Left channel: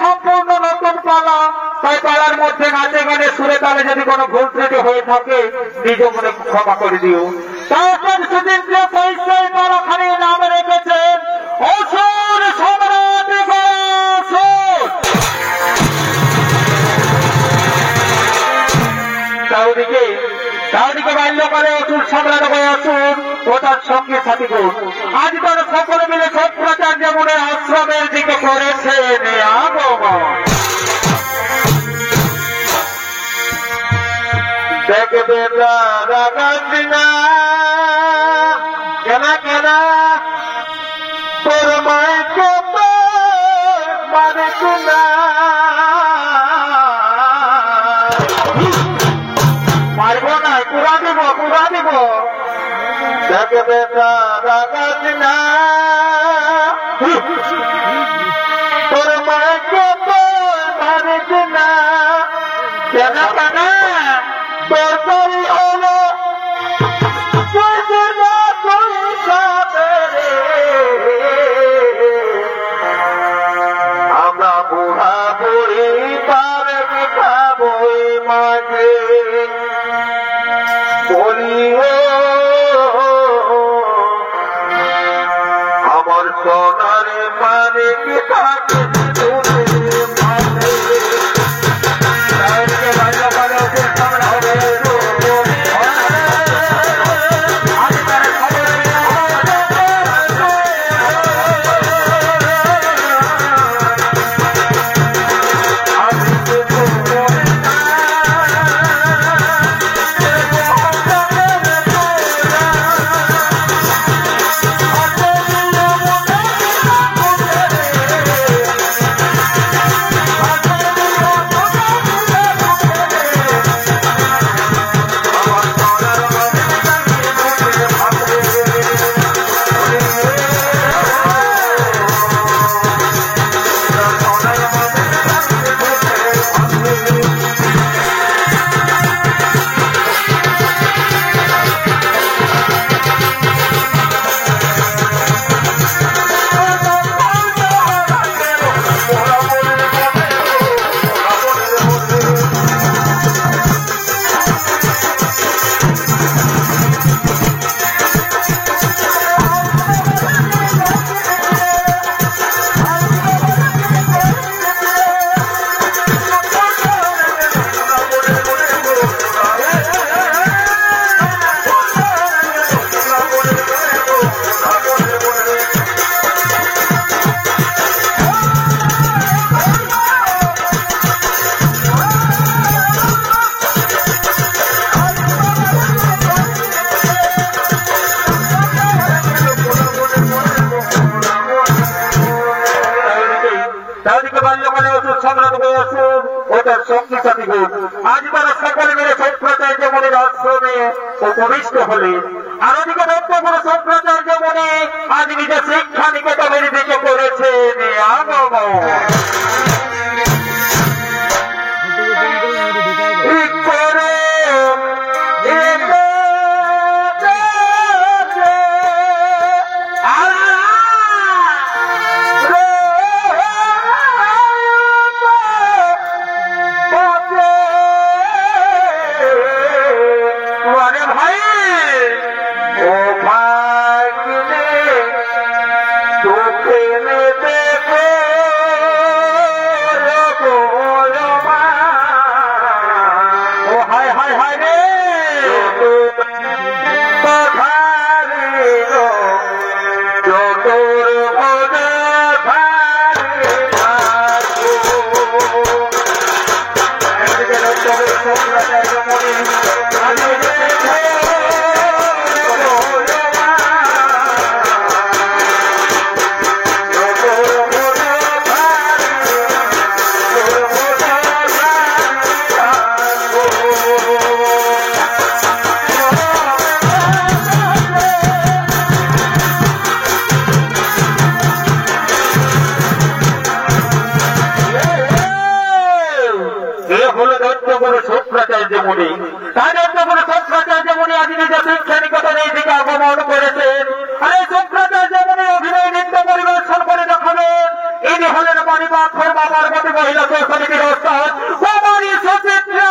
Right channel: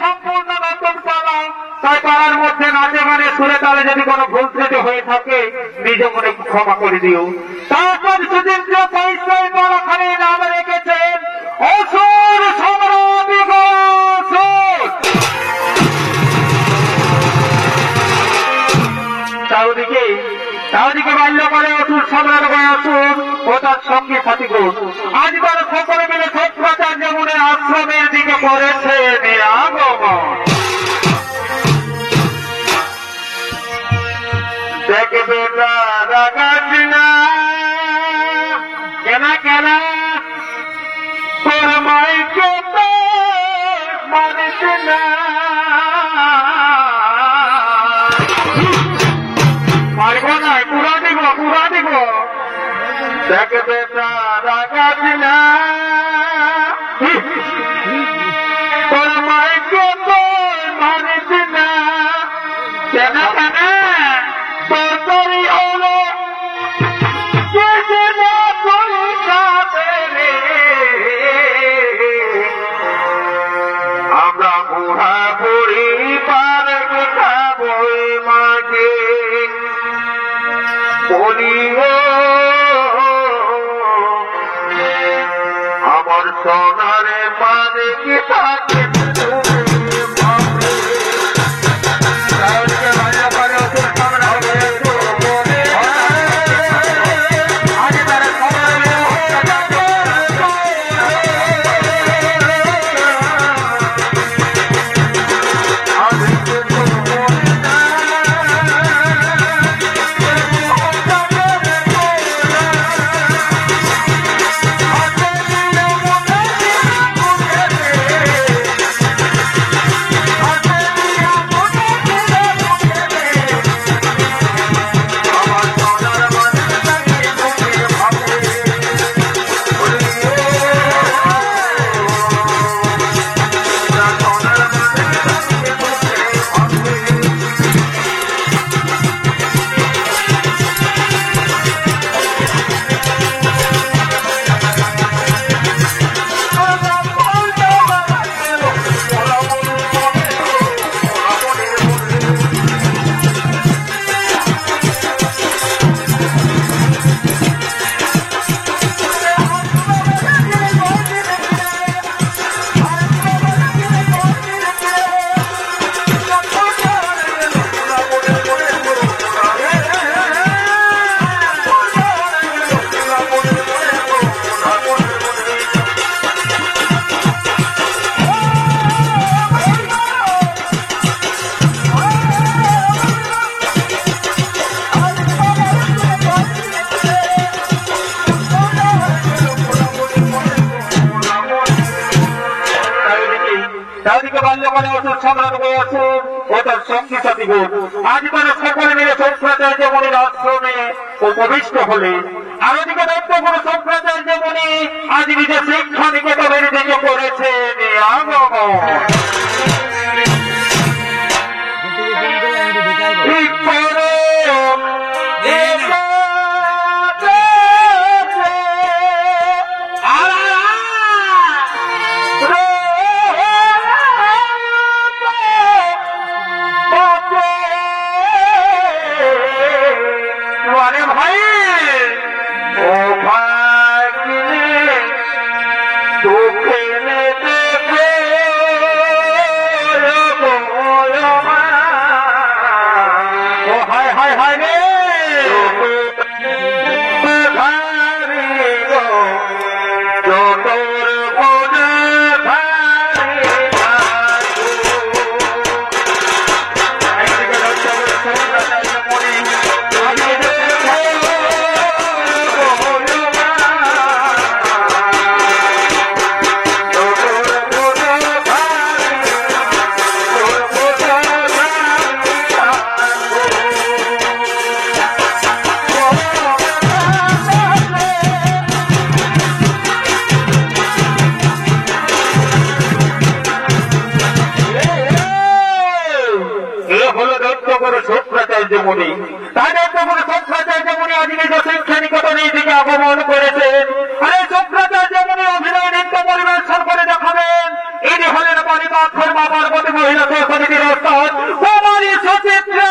সম্পূর্ণ নতুন পালা, তাই পালার মধ্যে নাচে গানে সুরে তালে যদি কোনো ভুল ত্রুটি হয়ে থাকে নিজ মনে ক্ষমা করে দিও। তারপর সুচিন্দ্র সাহিত্যের পালাখানি নাম রেখেছেন অসুর সম্রাট গয়াসুর। চারিদিকে বাল্যকালে অসুর সম্রাট গয়াসুর ও তার সঙ্গী সাথীগণ আজ তারা সকলে মিলে সত্যাচার্য মনে আশ্রমের দিকে করেছে আগমন। দেখবে রাগাস না কেনা কেনা তোর মাইকে মানিস না, পারবো না, পুরা দিব। দেখবে রাগাস না তোর মাইকে মানিস না, কেনা কেনা তোর হলো আমরা বুড়া বুড়ি পারে বই মাকে বলি আমার সোনারে পারে কি থাকে আজ তারা সকলে মিলে শঙ্করাচার্য মুনির আশ্রমে উপবিষ্ট হলে, আর ওদিকে দত্তগুরু শঙ্করাচার্য মুনি আজ নিজের শিক্ষা নিকেতনের দিকে করেছেন আগমন। আগমন করেছেন। আরে শঙ্করাচার্য মুনি অভিনয় নৃত্য পরিবেশন করে দেখাবেন ইনি হলেন মণিপাথর বাবার গতি মহিলা সমিতির ওস্তাদ কুমারী সুচিত্রা।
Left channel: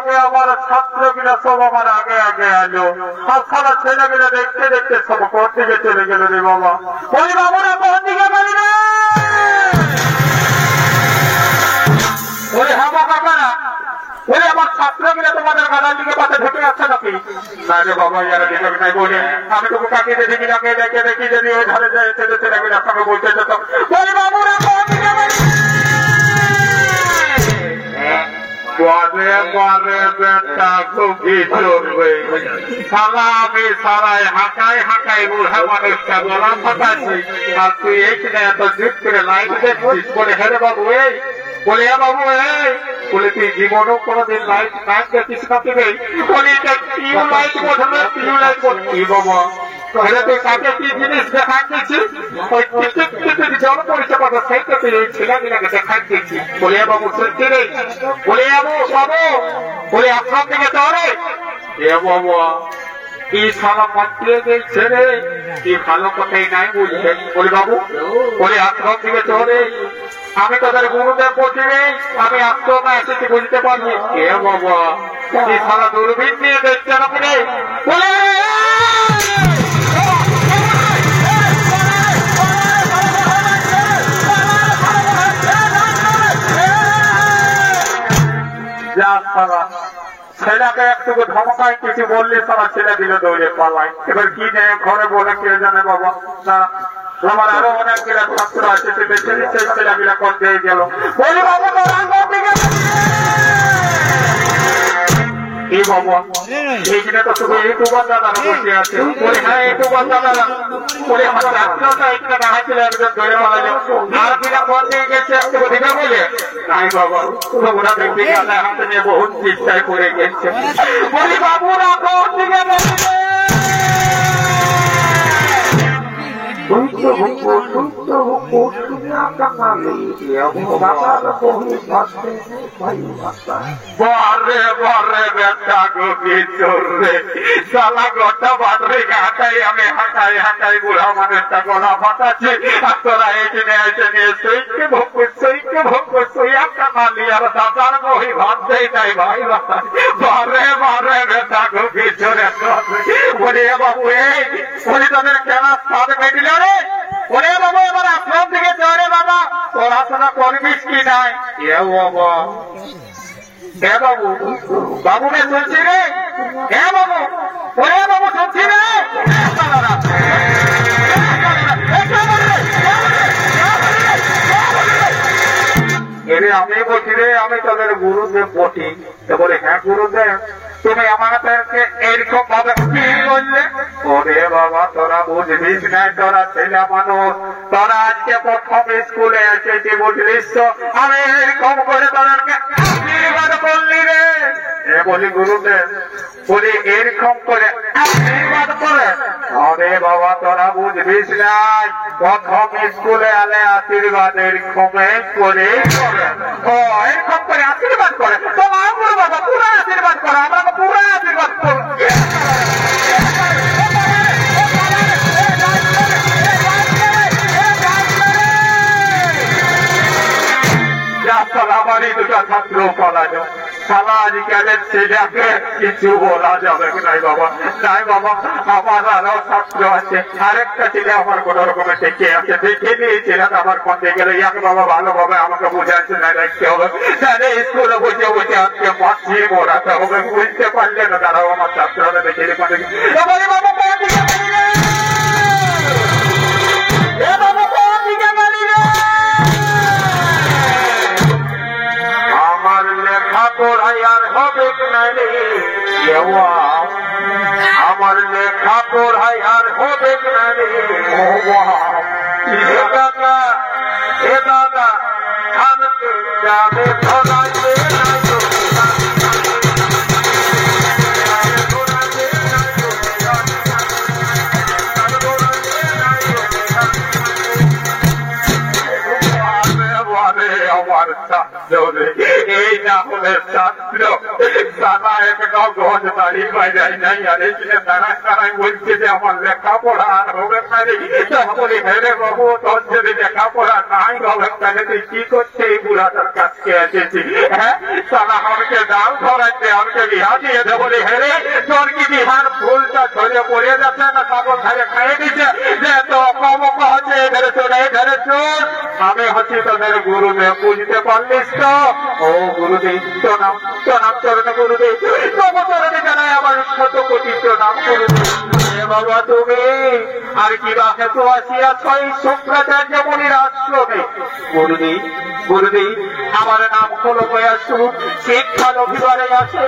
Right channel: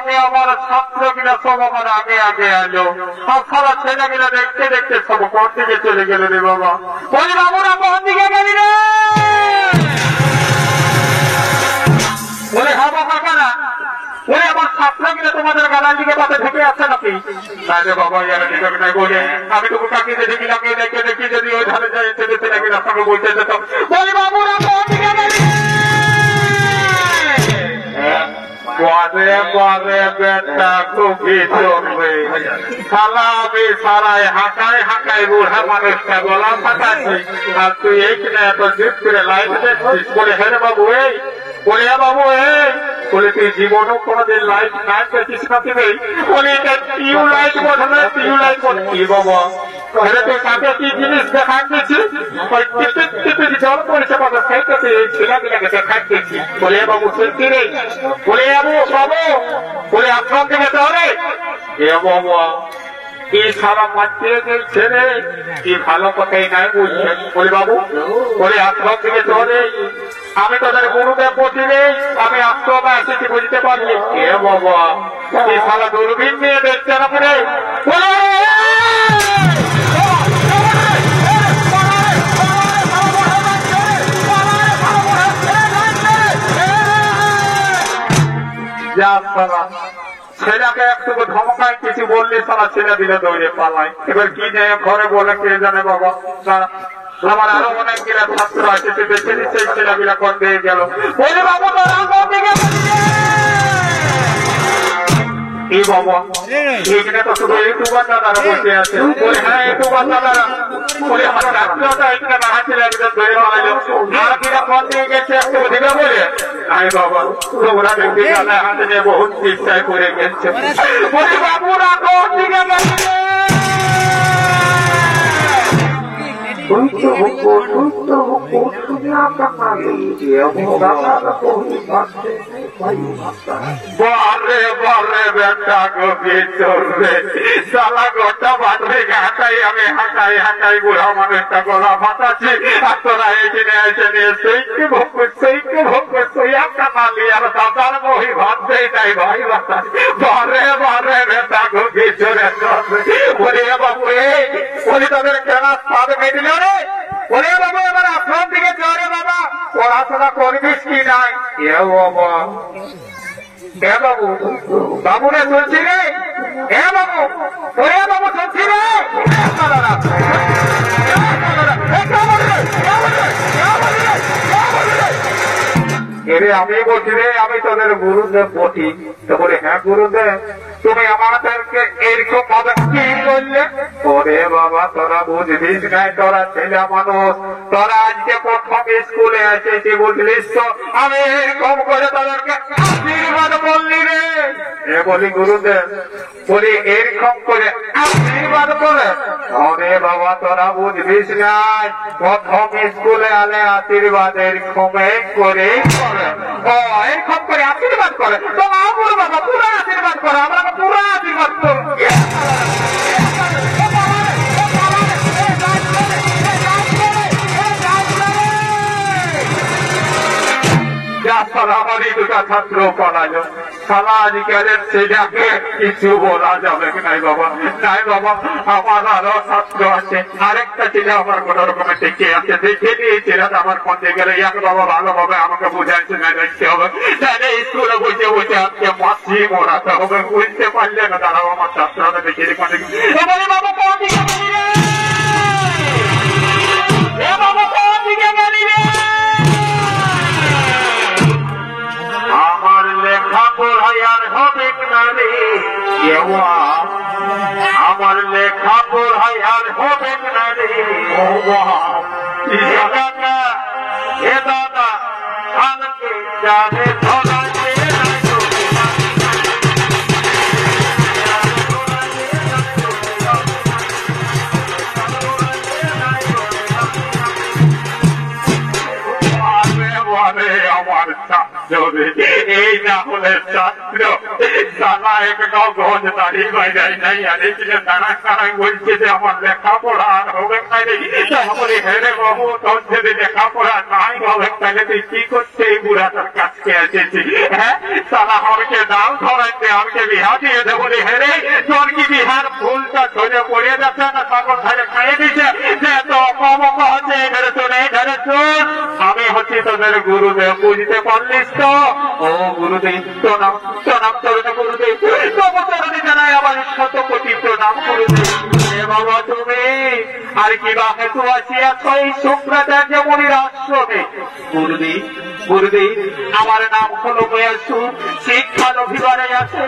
আগে আমার ছাত্রগুলো সব আমার আগে আগে এলো, আর সারা ছেলেগুলো দেখতে দেখতে সব কোন দিকে চলে গেল রে বাবা। বলি বাবুরা কোন দিকে গেলি রে? বলে হ্যাঁ কাকারা, বলে আমার ছাত্রগুলো তোমাদের গালার দিকে পাতে ঢেকে আছে নাকি? না রে বাবা, ইয়ারা ঢেকে নাই বলে আমি তোকে কাকে দেখি লাগে দেখে দেখি যদি ওই ধারে যায় ছেলে ছেলেগুলোর সঙ্গে বলতে যেতাম। বলি বাবুরা কোন দিকে গেলি? আমি সারাই হাঁকাই হাঁকাই বুড়া মানুষটা গলা ফাটাচ্ছি, আর তুই এইখানে এত জিপ করে লাইট দেখছিস। বলে হ্যাঁ রে বাবু এই, বলে হ্যাঁ বাবু এই, বলে তুই জীবনও কোনোদিন লাইট নাইট দেখিস না? তুমি বলে এটা টিউ লাইট বোঝানো, টিউ লাইট বলে কি বাবা? তাহলে তুই কাকে কি জিনিস দেখাই দিচ্ছিস? ওই টিপিক জল পড়েছে কথা, সেইটা তুই এই ছেলেগুলোকে দেখাই দিচ্ছিস। বলে বাবু সত্যি রে? বলে বাবু বাবু, বলে আপনার দিকে চলে এ বাবা কি সারা মাটিয়ে গেছে রে, কি ভালো কথাই নাই বুঝছেন। বলে বাবু, বলে আপনার দিকে চলে, আমি তোদের গুরুদেব প্রতিবে আমি আত্মা এসেছি বুঝতে পারছি। কে বাবা কি সারা দূরবীন নিয়ে দেখছে না রে? বলে ছেলেকে একটু ধমকায় কিছু বললে সারা ছেলে দিলে দৌড়ে পালায়। এবার কি নেই ঘরে বলে কে জানে বাবা। আমার আরো অনেক গিলা ছাত্র আছে, সেই ছেলেগুলা করতে গেল। বলি বাবু এই বাবা এইখানে তো শুধু ইউটিউবার দাদারা বসে আছে। বলে হ্যাঁ ইউটিউবার দাদারা, বলে আমার ছাত্রটা এখানে দাঁড়াচ্ছিল, একজন ধরে মারালো, আর কিনা ফোন দিয়ে গেছে একটু দিবে বলে নাই বাবা তোমরা দেখবি হাতে নিয়ে বহুত চিন্তায় করে গেছে। বলি বাবুরা কোন দিকে বলবে? বারে বারে বেটা গোবিন্দর রে, সালা গোটা বাটরে হাঁটাই আমি হাঁটাই হাঁটাই বুড়া মানুষটা গলা ফাটাচ্ছি, আর তোরা এখানে এসে নিয়ে সেইকে ভোগ সেইকে ভোগ সই একটা নালি আর দাদার মহি ভাত দেয় তাই ভাই বাতাস। বারে বারে বেটা গোবিন্দরে বলে বাবু এই, বলি তাদের কেন স্বাদ মেদিলে রে? বলে বাবু এবার আপনার দিকে চলে বাবা, পড়াশোনা করবিস কি নাই? এ বাবা এ বাবু, বাবু রে চলছি রে, এ বাবু, ওরে বাবু চলছি রে। এরে আমি বলছি রে, আমি তোদের গুরুদেব বটি। তো বলে হ্যাঁ গুরুদেব, তুমি আমাদেরকে এইরকম ভাবে কি বললে? ওরে বাবা তোরা বুঝবিস নাই, তোরা ছেলে মানুষ, তোরা আজকে প্রথম স্কুলে এসেছি বুঝলিস তো, আমি এরকম করে তোদেরকে আশীর্বাদ করলি রে। এ বলি গুরুদেব, বলি এরকম করে আশীর্বাদ করে? ওরে বাবা তোরা বুঝবিস নাই, প্রথম স্কুলে আলে আশীর্বাদ এরকম করে ও এরকম করে আশীর্বাদ করে। তো বাবা পুরা আশীর্বাদ করে, আমরা পুরা আশীর্বাদ করবো। আমারই দুটা ছাত্র পড়ালো, সালা আজকালের ছেলেকে কিছু বলা যাবে নাই বাবা। নাই বাবা, আমার আরো ছাত্র আছে, আরেকটা ছেলে আমার কোন রকমের টেকে আছে, দেখে নিয়ে ছেলেটা আমার পথে গেলে এক বাবা ভালোভাবে আমাকে বুঝাইছে না দেখতে হবে, তাহলে স্কুলে বসে বসে আজকে মাছি মরাতে হবে, বুঝতে পারলে না তারাও আমার ছাত্ররা দেখে পারে। বাবা কোন দিকে বাড়িলে? এ বাবা কোন দিকে বাড়িলে? আমার লেখা পড়াই আর হবে না রে, আমার লেখা পড়াই আর হবে না রে। ও দাদা হে দাদা আমাকে যাবে ধরাইতে আমার ছাত্র রে, এই না হলে ছাত্র সালা একটাও গজ দাঁড়িয়ে বাইরে নাই। আর এখানে দাঁড়ায় দাঁড়ায় বলছে যে আমার লেখাপড়া আর হবে খালি। তাহলে হেরে বাবু তোর যদি লেখাপড়া নাই হবে তাহলে তুই কি করছে এই বুড়াটার কাছে এসেছি? হ্যাঁ সালা আমাকে ডাল ধরাইতে আমাকে বিহা দিয়ে দেবো রে। হেরে তোর কি বিহার ফুলটা ঝরে পড়ে যাচ্ছে না সাগর ধারে খাইয়ে দিচ্ছে যে তো কম হচ্ছে ধরে চলে ধরে চল। আমি হচ্ছি তোদের গুরুদেব, বুঝতে পারলিস তো? ও গুরুদেব প্রণাম প্রণাম চরণে গুরুদেব, তোমার চরণে জানাই আমার 100 কোটি প্রণাম গুরুদেব। বাবা তুমি আর কি বা হেতু আসিয়া ছয় শুক্রাচার্য মুনির আশ্রমে? গুরুদেব গুরুদেব আমার নাম হলো বয়াসু, শিক্ষার অভিমানে আছে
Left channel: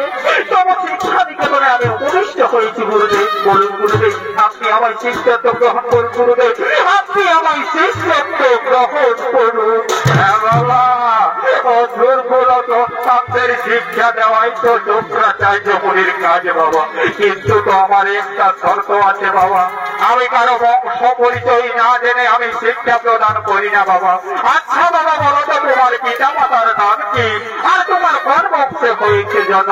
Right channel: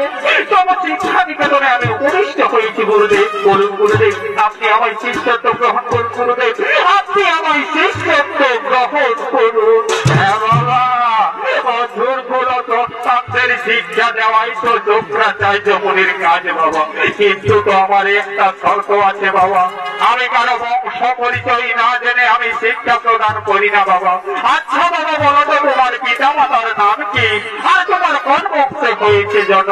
তোমার শিক্ষা নিকেতনে আমি উপদিষ্ট হয়েছি গুরুদেব। বলুন গুরুদেব আপনি আমার শিষ্যত্ব গ্রহণ করুন গুরুদেব, আপনি আমার শিষ্যত্ব গ্রহণ করুন। হ্যাঁ বাবা দুর্বলতাদের শিক্ষা দেওয়াই তো শুক্রাচার্য মুনির কাজ বাবা, কিন্তু তো আমার একটা শর্ত আছে বাবা, আমি কারো বংশ পরিচয় না জেনে আমি শিক্ষা প্রদান করি না বাবা। আচ্ছা বাবা বলো তো তোমার পিতা মাতার নাম কি আর তোমার কোন বংশে হয়েছে জন?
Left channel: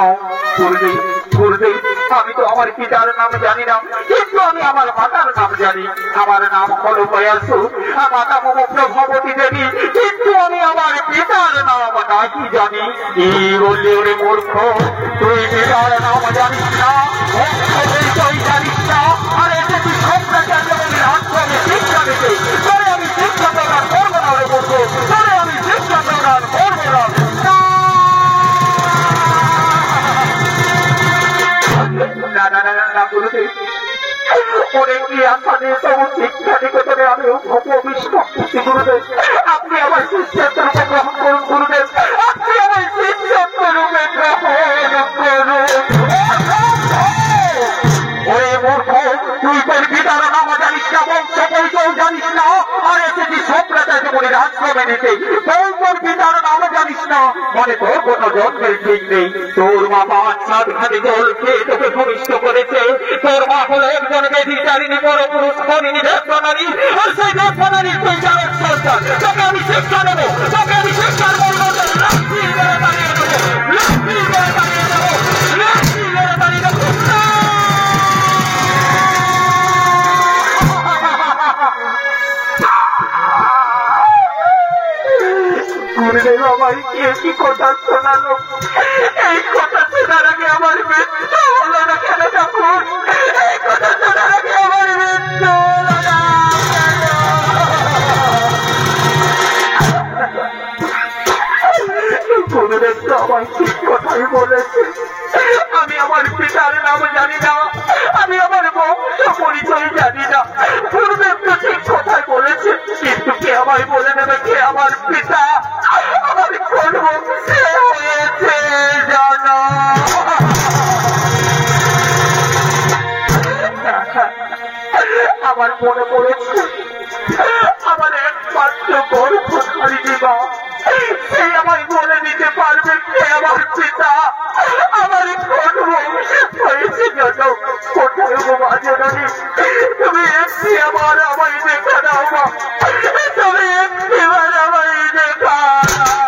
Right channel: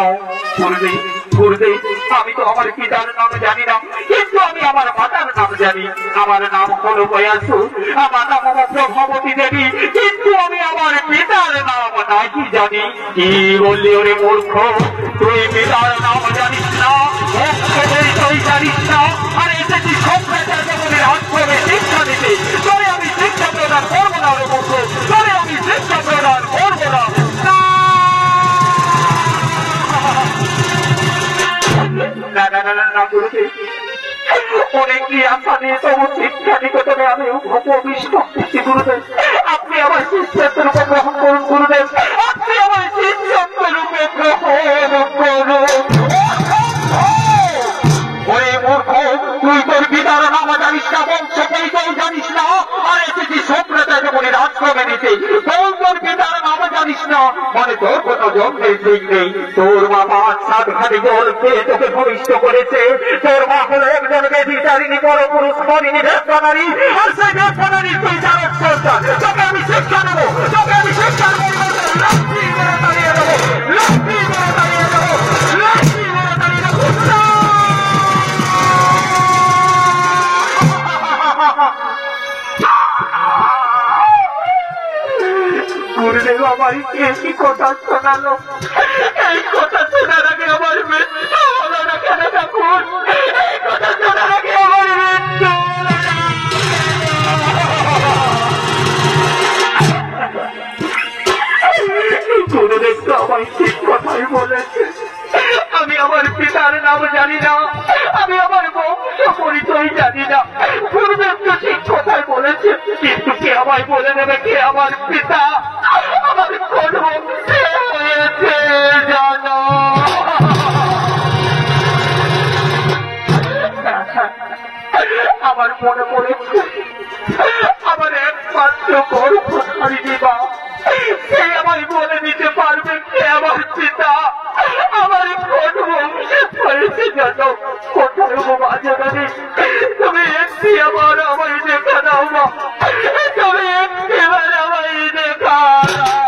গুরুদেব গুরুদেব আমি তো আমার পিতার নাম জানি না, কিন্তু আমি আমার মাতার নাম জানি। আমার নাম হলো বয়াসু, আমার নাম প্রভাবতী দেবী, কিন্তু আমি আমার পিতার নাম নাকি জানি। কি বললি ওরে মূর্খ, তুই পিতার নাম জানিস না, তুই জানিস না, আর এসেছি শুক্রাচার্য মুনির আশ্রমে শিক্ষা দিতে। তোরে আমি শিক্ষা প্রদান করবো না ওরে মূর্খ, তোরে আমি শিক্ষা প্রদান করবো না। না না না না গুরুদেব, অনেকটি আশা নিয়ে তবু শিক্ষা নিকেতনে আমি উপবিষ্ট করছি গুরুদেব। আপনি আমার শিষ্যত্ব রূপে গ্রহণ করুন গুরুদেব, আপনি আমার শিষ্যত্ব রূপে গ্রহণ করুন। ওই মূর্খ তুই তোর পিতার নাম জানিস না, বংশ পরিচয় জানিস না, আর এসেছি শুক্রাচার্য মুনির আশ্রমে নিতে। তোর পিতার নাম জানিস না মানে তোর কোনো জন্মের ঠিক নেই। তোর মা 5-7 ঘাটি জল খেয়ে তোকে ভূমিষ্ঠ করেছে। তোর মা হলো একজন বেবিচারিণী বড় পুরুষ হরিণী ভেদনারী, আর সেই ভেদনারীর তুই চালক সরকার। তোকে আমি শিক্ষা দেবো, তোকে আমি শিক্ষার বলবো, লক্ষ্মী মেরে দাঁড়িয়ে দেবো, লক্ষ্মী মেরে দাঁড়িয়ে দেবো, লক্ষ্মী মেরে দাঁড়িয়ে দেবো। গুরুদেব আমার কি কথা শোনালো, এই কথা শোনার আগে আমার মৃত্যু হলো না কেন ঠাকুর? এই কথা শোনার আগে আমার মৃত্যু হলো না। গুরুদেব তো আমায় ঠিক কথাই বলেছে, আমি আমার পিতার নাম জানি না, আমি আমার বংশ পরিচয় জানি না। গুরুদেব তো ঠিক কথাই বলেছে, কিন্তু কে আমায় বলে দেবে কে আমার পিতা, আমার কোন বংশে হয়েছে জানো? আমার মনে পড়েছে আমার একমাত্র গর্ভধারিণী মা, সে আমায় বলে দিতে পারবে কে আমার পিতা, আমার কোন বংশে হয়েছে জানো? কোথায় মা জানি, তুমি একটি আমায় দেখা দাও মা, তুমি একটিবার আমায় দেখা দাও।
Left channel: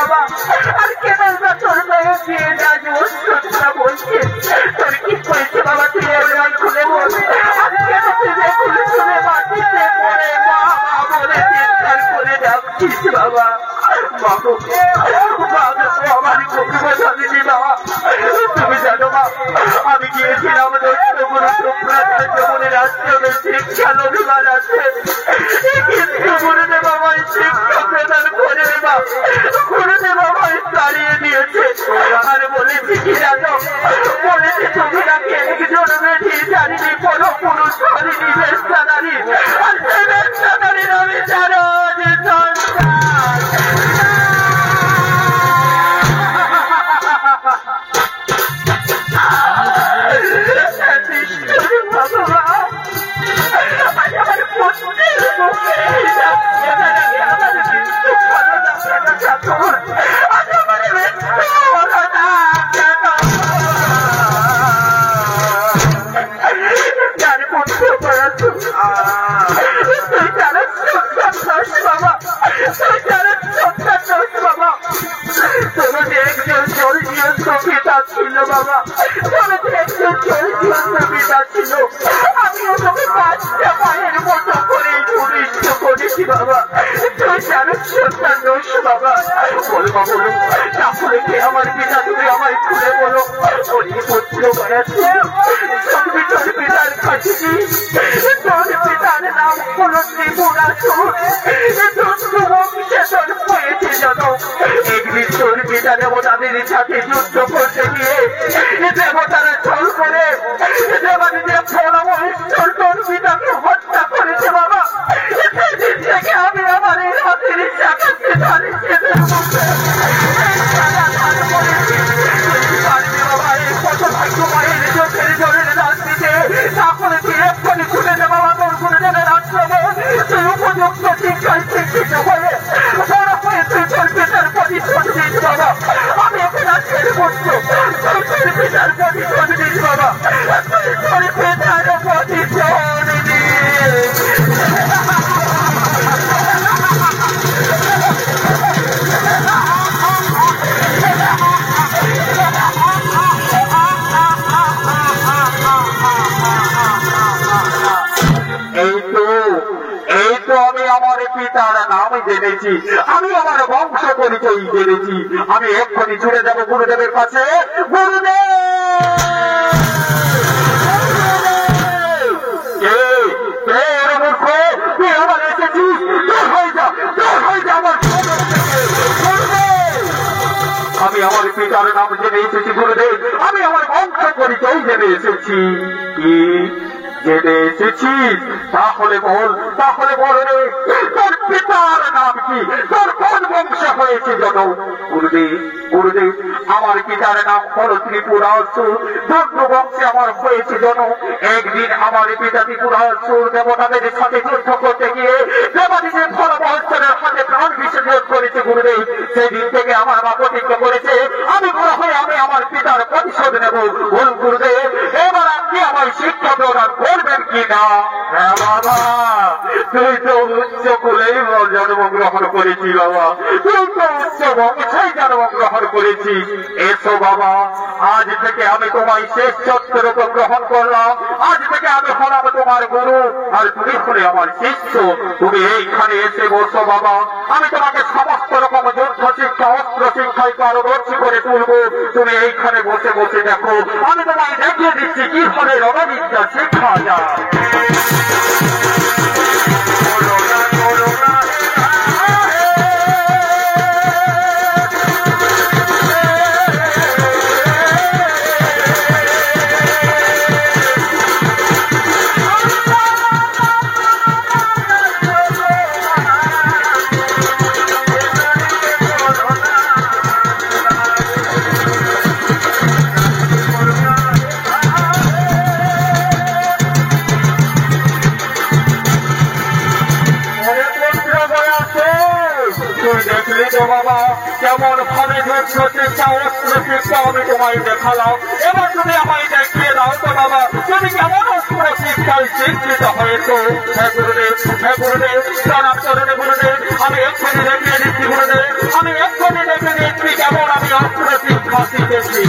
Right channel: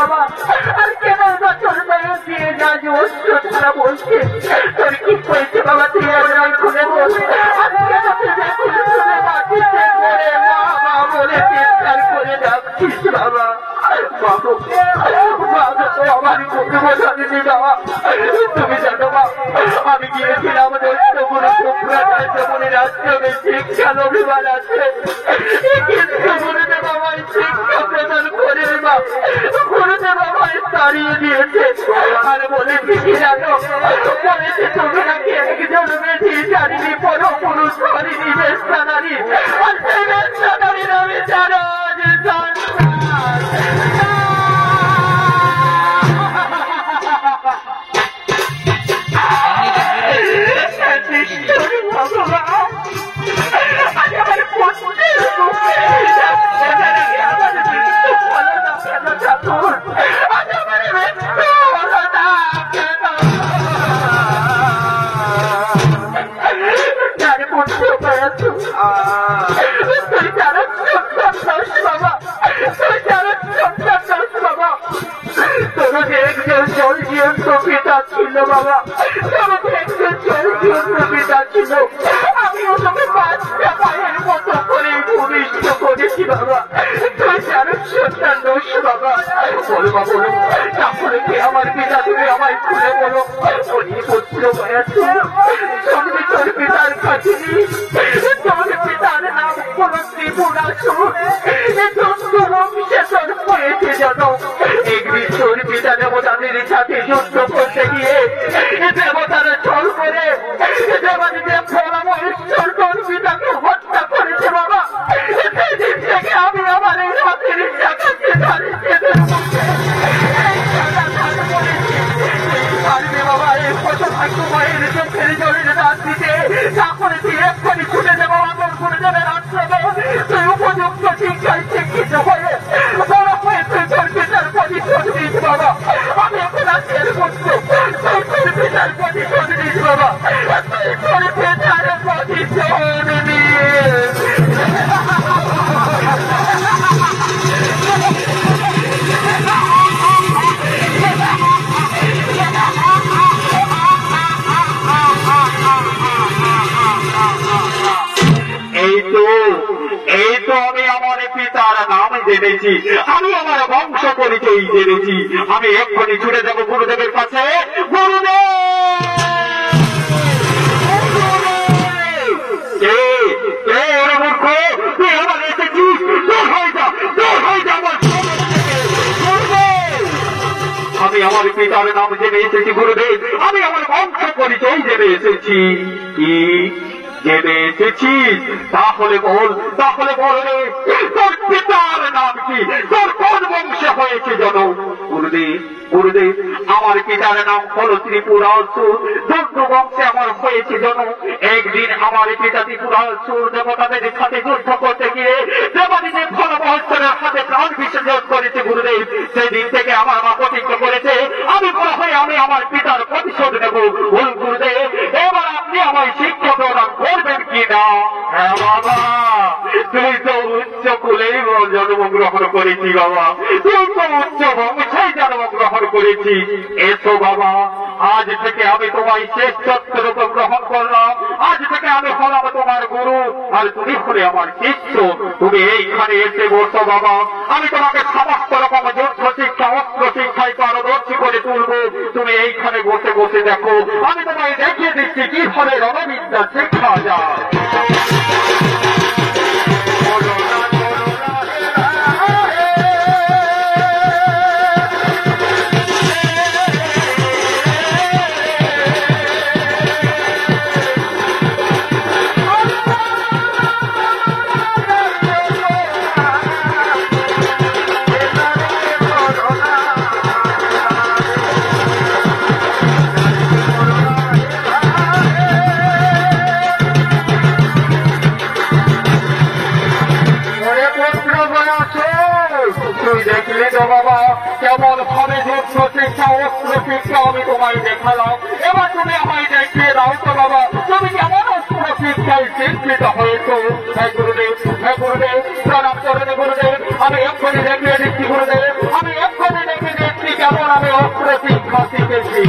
বাবা আর কেন বা তোর মায়ের দিয়ে আজ অস্ত্রটা বলছে তোর কি হয়েছে বাবা তুই একবার খুলে বল আর কেন তুই খুলে খুলে মাটিতে পড়ে মা মা বলে চিৎকার করে ডাকছিস বাবা বাবু আমার মুখে বোঝালি বাবা তুমি জানো মা আমি গিয়েছিলাম দৈত্যগুলো সুপ্রাচার জীবনের আশ্রমে শিক্ষা অভিমান আছে কিন্তু গুরুদেব আমায় শিক্ষা প্রদান করে মা গুরুদেব আমায় তাড়িয়ে দিয়েছে আর বলেছি কি জানো বলেছে তুমি নাকি একজন মেধি জানিনি কোনো পুরুষ হরিণী বেশ্যা নারী আর সেই বেশ্যা নারীর আমি জানো যে ছিল বাবা আমিও তোকে পাঁচটা পায়ের মতো করে ভূমিষ্ঠ করেছি বাবা তুই জানো সন্তান দোষ বাবা বলবা বলো তাহলে কি আমার পিতা তুমি আমায় খুলে বলো বলি পুত্র বয়াছে তুমি তোর পিতার কাছে তোর পিতার নাম কোন ত্রিপুরাসুর তোর হয়েছে জানো একদিন তোর পিতা দেবতাদের সাথে যুদ্ধ করতে গিয়ে দেবতারা ছল করে দেবাদের ফলামহেশ্বর তোর পিতাকে হত্যা করেছে বাবা সেদিন থেকে আমি আমার এই হাতের দেখাতে পারছি পারবে বাবা এই কত ভাগ্য মায়ের চোখের জলের দাঁত দিতে তাহলে তুই এক্ষুনি ছুটে দে বাবা তোর গুরুজনের আশ্রমে তুই উপযুক্ত শিক্ষায় শিক্ষিত হয়ে বড় হয়ে তুই তোর পিতার প্রতিশোধ দিস বাবা আমি এখন আজকের বলছো তোর পিতার প্রতিশোধ দিস বাবা তুই তোর পিতার প্রতিশোধ দিস আমি আমার পিতার নাম জেনেছি আমি আমার বংশ পরিচয় জেনেছি আমি এক্ষুনি ছুটে যাব গুরুদেবের কাছে গুরুদেব তুই আবার এসেছিস তোর হয়ে যা আমার আমি আমার পিতার নাম জেনে এসেছি গুরুদেব আমি আমার বংশ পরিচয় জেনে এসেছি কি জেনে এসেছিস তাহলে বল রে তোর পিতার নাম কি তোর কোন বংশে হয়েছে জানো গুরুদেব আমার পিতার নাম হল ত্রিপুরাসুর দৈত্য বংশে আমার হয়েছে জানো একদিন আমার পিতা ত্রিপুরাসুর দেবতাদের সাথে যুদ্ধ করতে গিয়ে দেবাদিদেব ফলমহোৎসবের হাতে প্রাণ বিসর্জন করেছে গুরুদেব সেদিন থেকে আমার মা প্রতিজ্ঞা করেছে আমি বড় হয়ে আমি আমার পিতার প্রতিশোধ নেব গুরুদেব এবার আপনি আমায় শিক্ষা প্রদান করবেন কিনা হ্যাঁ বাবা তুই তো উচ্চ কুলেই জন্মগ্রহণ করেছি বাবা তুই তো উচ্চ বংশাই জন্মগ্রহণ করেছি এসো বাবা আজ থেকে আমি তোমায় শেষ চত্বরূপে গ্রহণ করলাম আজ থেকে আমি হলাম তোমার গুরু আর তুমি হলে আমার শিষ্য তুমি এইখানে এসে বসো বাবা আমি তোমাকে সমস্ত রকম যুদ্ধ শিক্ষা অস্ত্র শিক্ষায় পারদর্শী করে তুলবো তুমি এইখানে বসে বসে দেখো আমি তোমায় দেখিয়ে দিচ্ছি কি ফলে রণবিদ্যা শেখা যায় দেখলে তো বাবা কেমন ভাবে যুদ্ধ শিক্ষা অস্ত্র শিক্ষা আমি তোমায় দেখালাম এবার তুমি আমায় দেখিয়ে দাও তো বাবা তুমি কেমন অস্ত্র শিক্ষায় শিক্ষিত হয়েছো হ্যাঁ গুরুদেব প্রণাম করুন গুরুদেব আমি এক্ষুনি দেখিয়ে দিচ্ছি গুরুদেব আমি এক্ষুনি দেখে তেমন আমি অস্ত্র শিক্ষা শিখেছি।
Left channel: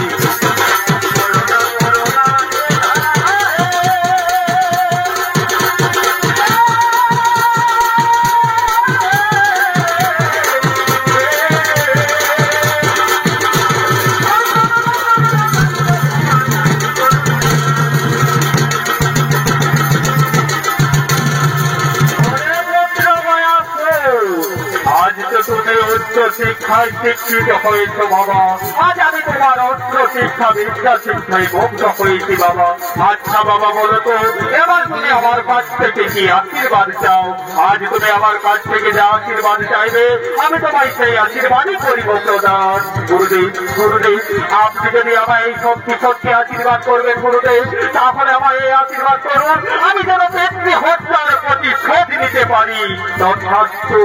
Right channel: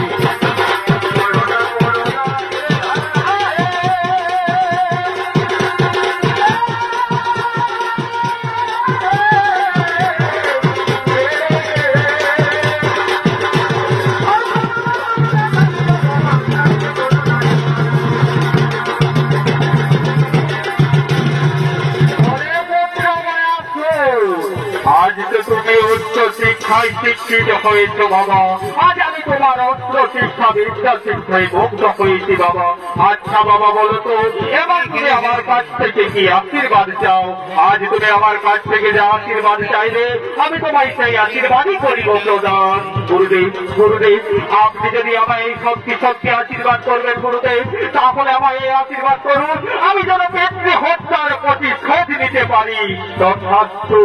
তুমি উচ্চ শিক্ষায় শিক্ষিত হয়েছ বাবা, আজ আমি তোমার অস্ত্র শিক্ষা বিদ্যা শিক্ষায় মুগ্ধ হয়েছি বাবা। আচ্ছা বাবা বলো তো, এবার তুমি আমার কাছ থেকে কি আশীর্বাদ চাও? আজ তুমি আমার কাছ থেকে যে আশীর্বাদ চাইলে আমি তোমায় সেই আশীর্বাদই করি বন্ধুদান। গুরুদেব গুরুদেব, আপনি যদি আমায় এই সত্যি সত্যি আশীর্বাদ করবেন গুরুদেব, তাহলে আমায় এই আশীর্বাদ করুন আমি যেন পিতৃ হত্যার প্রতিশোধ নিতে পারি। তথাস্তু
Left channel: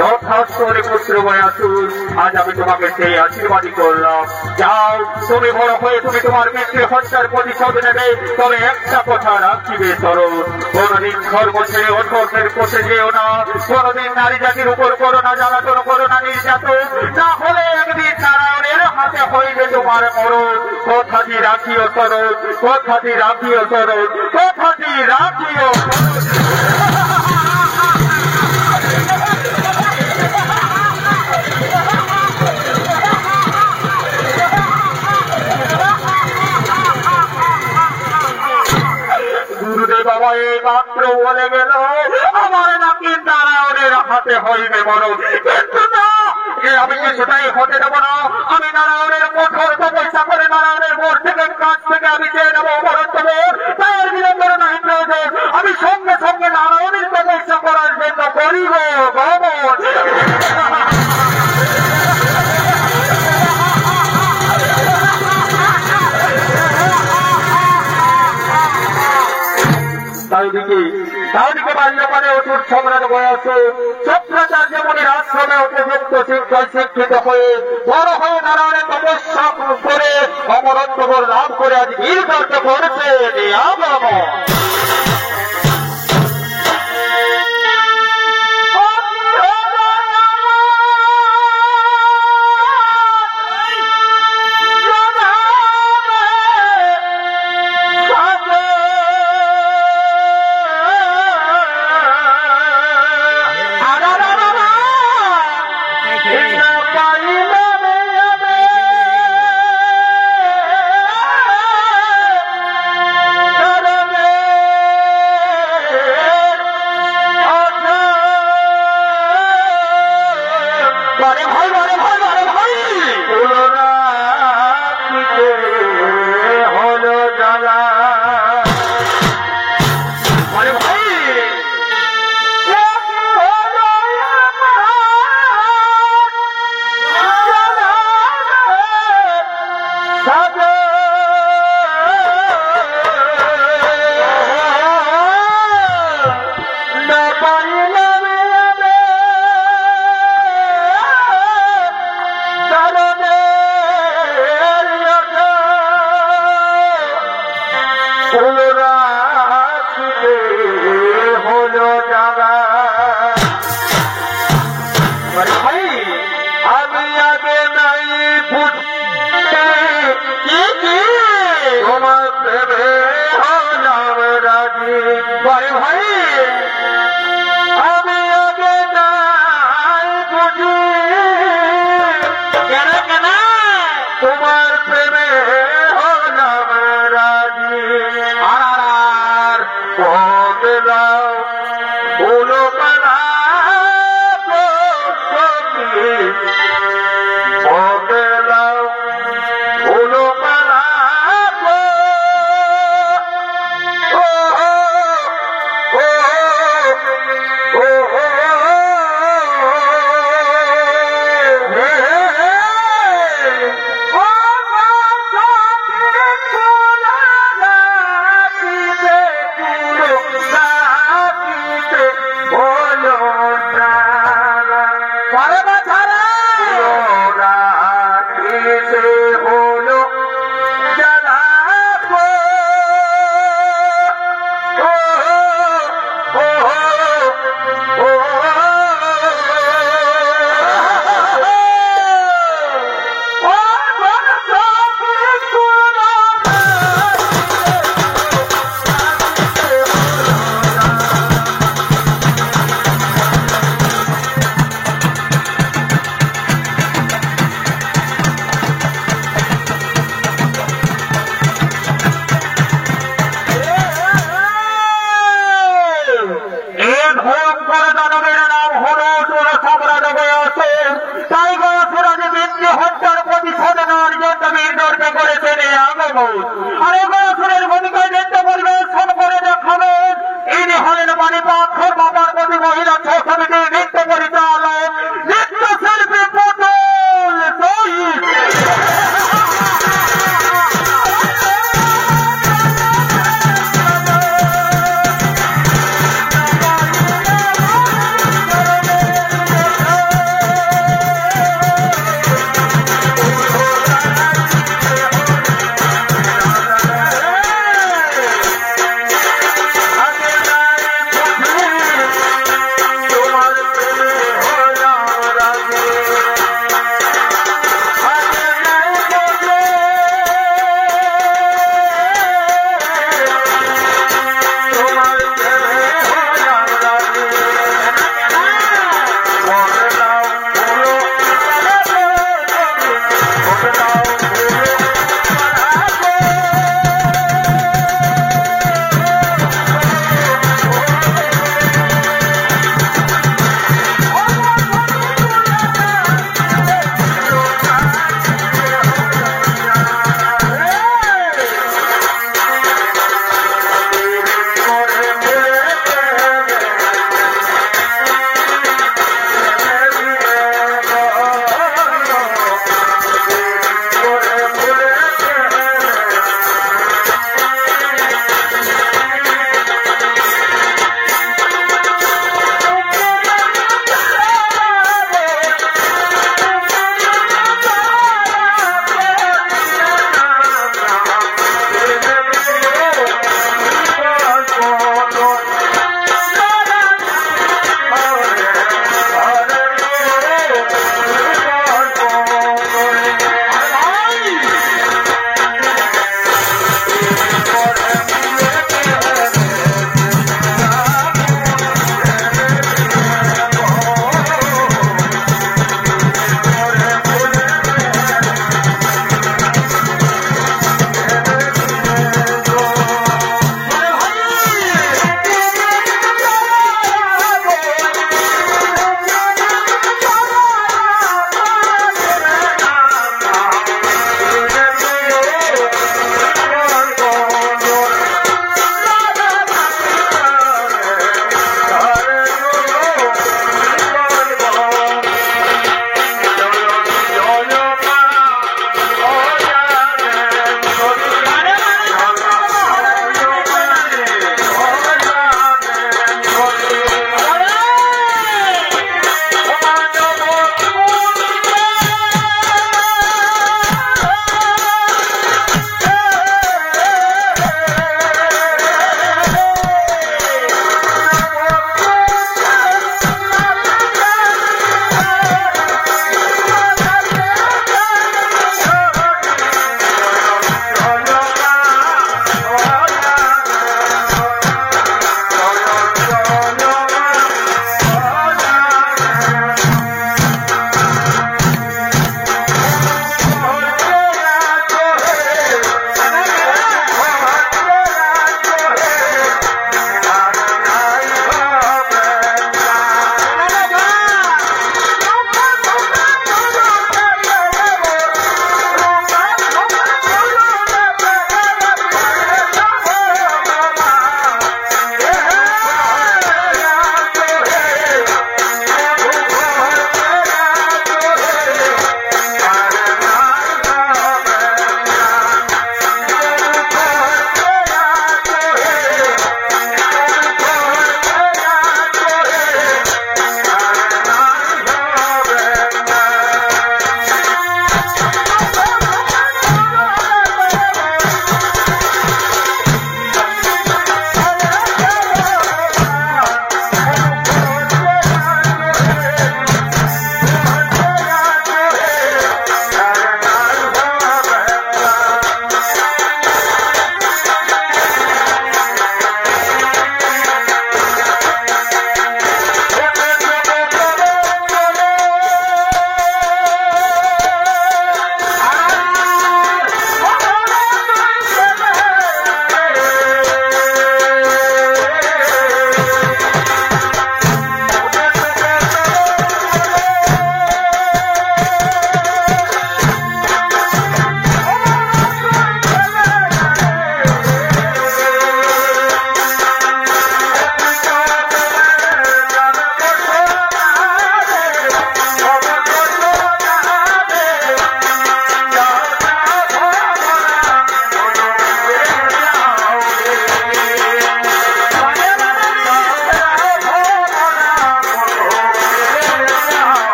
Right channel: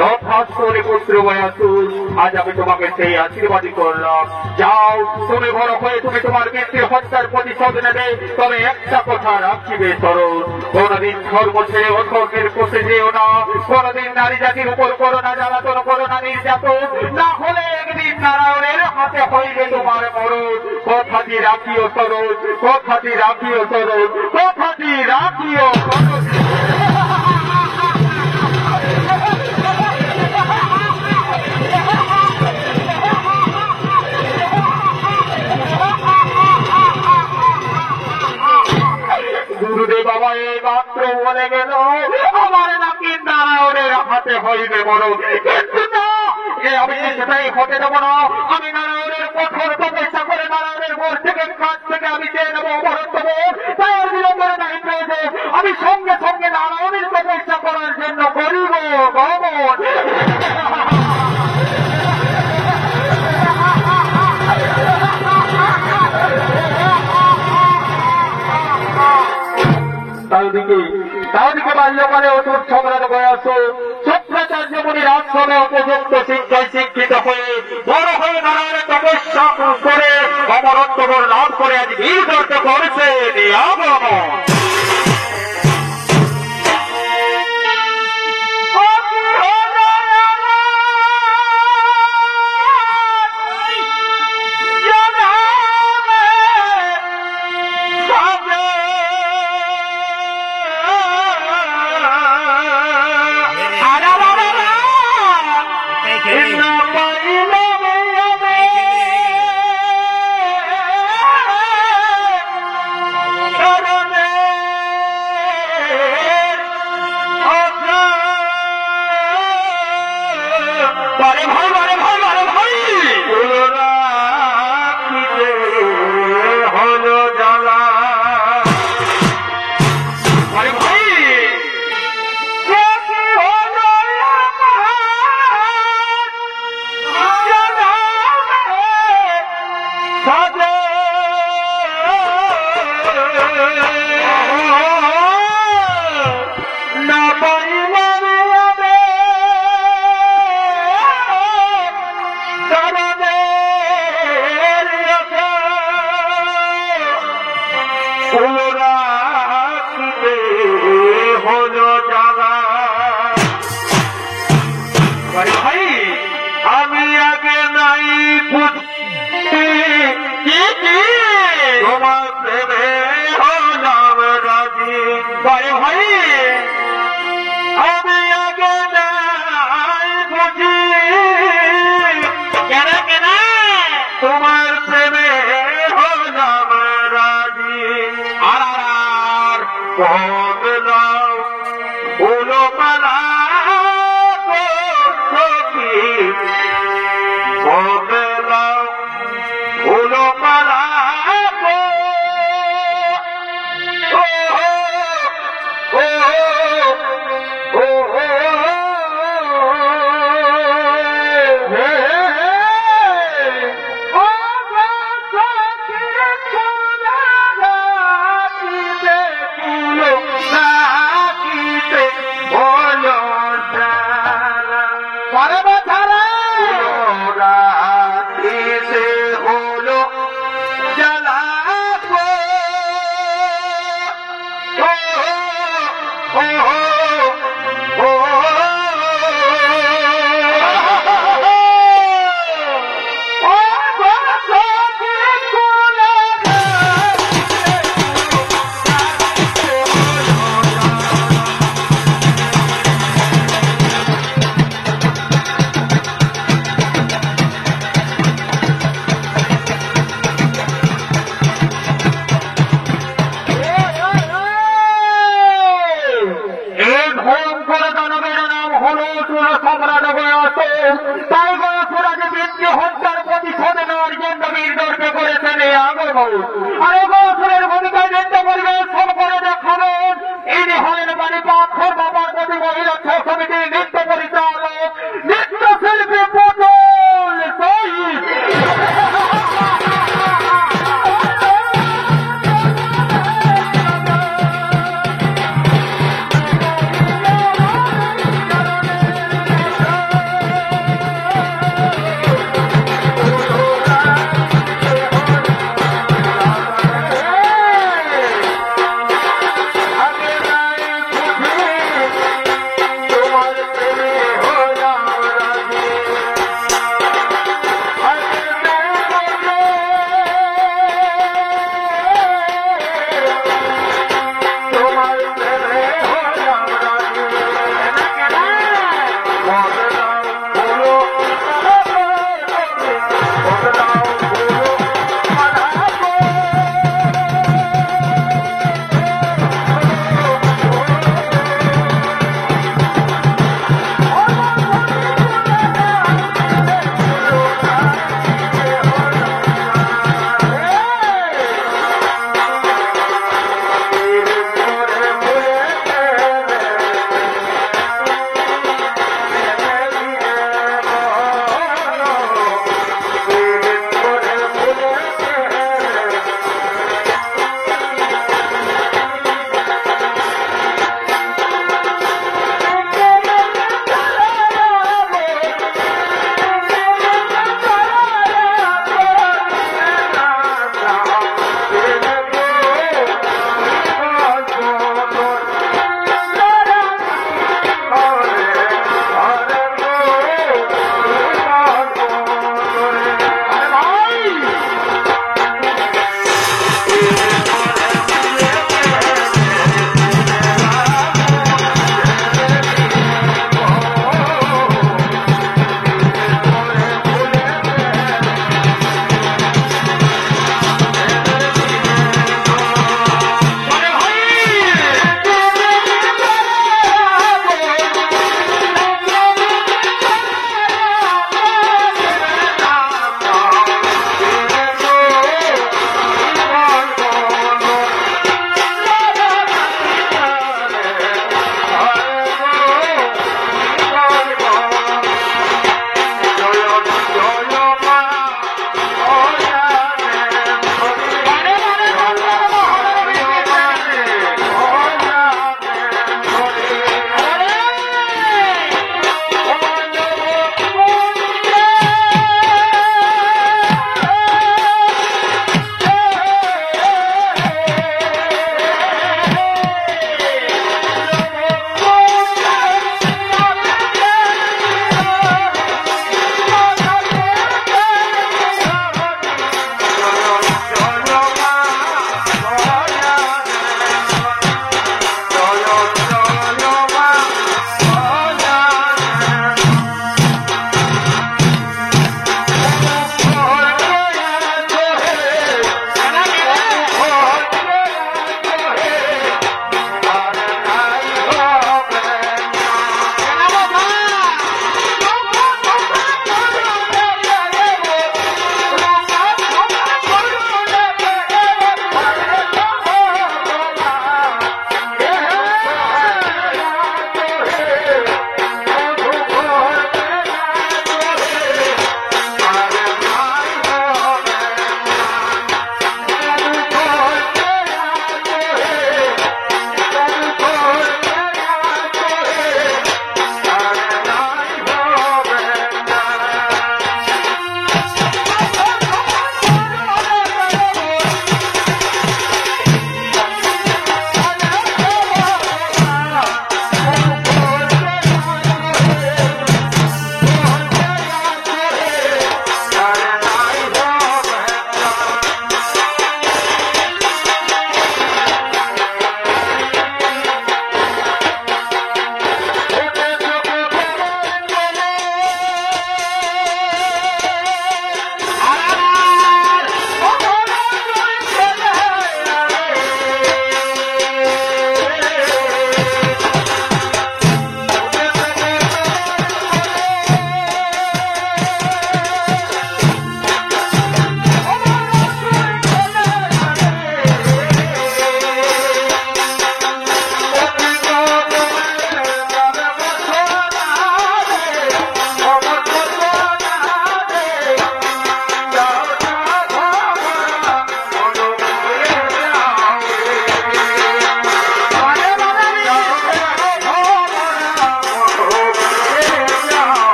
তথাস্তু পুত্র বয়াসুর, আজ আমি তোমাকে সেই আশীর্বাদই করলাম। যাও, তুমি বড় হয়ে তুমি তোমার পিতৃ হত্যার প্রতিশোধ নেবে, তবে একটা কথা রাখিবে সরল, কোনদিন ধর্ম ছেড়ে অধর্মের পথে যেও না, কোনদিন নারী জাতির উপর করো না জ্বালাতন, করো না নির্যাতন, না হলে একদিন নারায়ণের হাতে হইবে তোমার মরণ। কথাটি রাখিও সরল, কথাটি রাখিও সরল, কথাটি রাখিও। গুরুদেব আমার এই মাত্র বলে গেল আমার নাকি নারায়ণের হাতে হইবে মরণ, কিন্তু না, আমি সেটাই হতে দেবো না। আমি নারায়ণের কঠোর তপস্যা করে নারায়ণের বোর থেকে কাছ থেকে আমি চেয়ে নেবো অমরত্ব বোর, তাই আর বিলম্বন নাই প্রয়োজন। আমি সঙ্গে সঙ্গে নারায়ণের তপস্যা করার জন্য করিব গমন। তাদিকে বাল্যকালে অসুর সম্রাট বয়স শুক্রাচার্য মুনির আশ্রমে উপযুক্ত শিক্ষায় শিক্ষিত হয়ে বড় হয়ে নারায়ণের তপস্যা করে অমরত্ব লাভ করে আজ বীর দর্শ করেছে। তোমার প্রেমে হলাম রাজি। আর বদলাও উলো পালা বদলাও উলো পালা দেখাবেন আর এবার ভূমিকায় নৃত্য পরিবেশন করে দেখাবেন ইনি হলেন মানিপাক্ষর বাবার প্রতি মহিলা ছবিটির নৃত্য পরিচালক নৃত্যশিল্পী পুতুল শহীদ।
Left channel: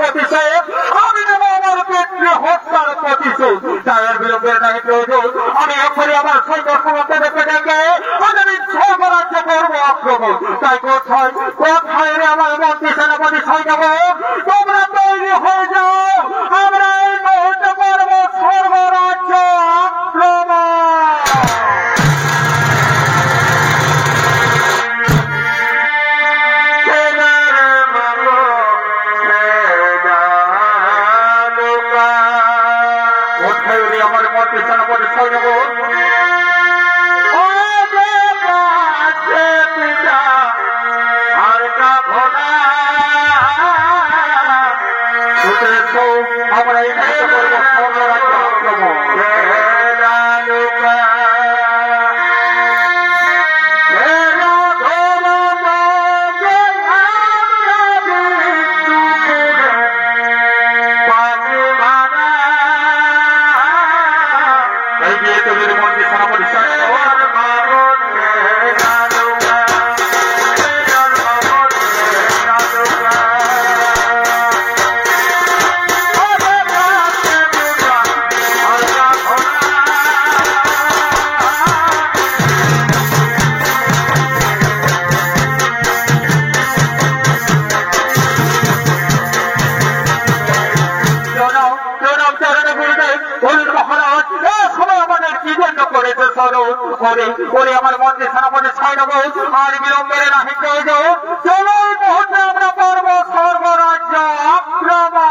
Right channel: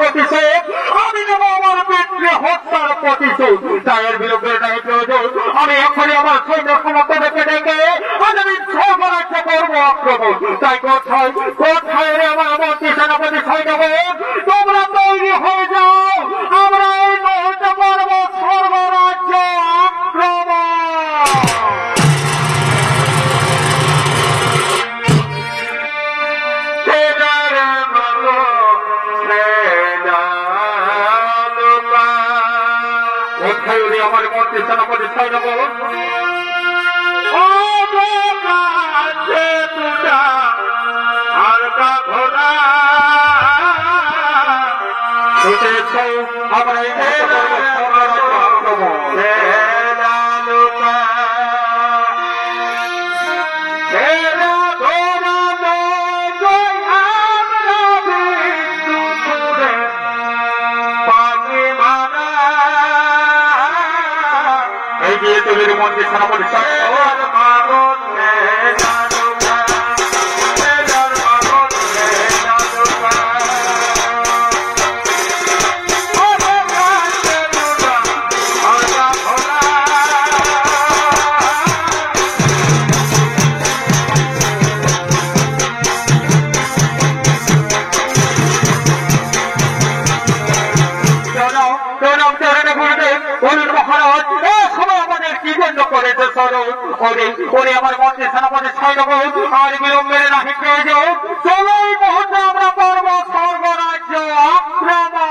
প্রতিশোধ আমি নেব আমার পিতৃ হত্যার প্রতিশোধ। তার বিরুদ্ধে নাই প্রয়োজন, আমি এখনই আমার সৈন্য ক্ষমতা ডেকে ডেকে আমি স্বরাজ্য করবো আক্রমণ। তাই কোথায় কোথায় রে আমার মন্ত্রী সেনাপতি সৈন্যগণ, তোমরা তৈরি হয়ে যাও, আমরা এই মুহূর্তে করবো সর্বরাজ্য আক্রমণ। আমার মন্ত্রী সেনাপতি সৈন্যগণ আমরা এই মুহূর্তে করবো সর্বরাজ্য আক্রমণ। এই গিয়ে তৈরির মন্ত্রী সেনাপতি ওরে আমার মন্ত্রী সেনাপতি সৈন্যগণ আর বিলম্বের নাহি প্রয়োজন, চলো এই মুহূর্তে আমরা করব সর্বরাজ্য আক্রমণ।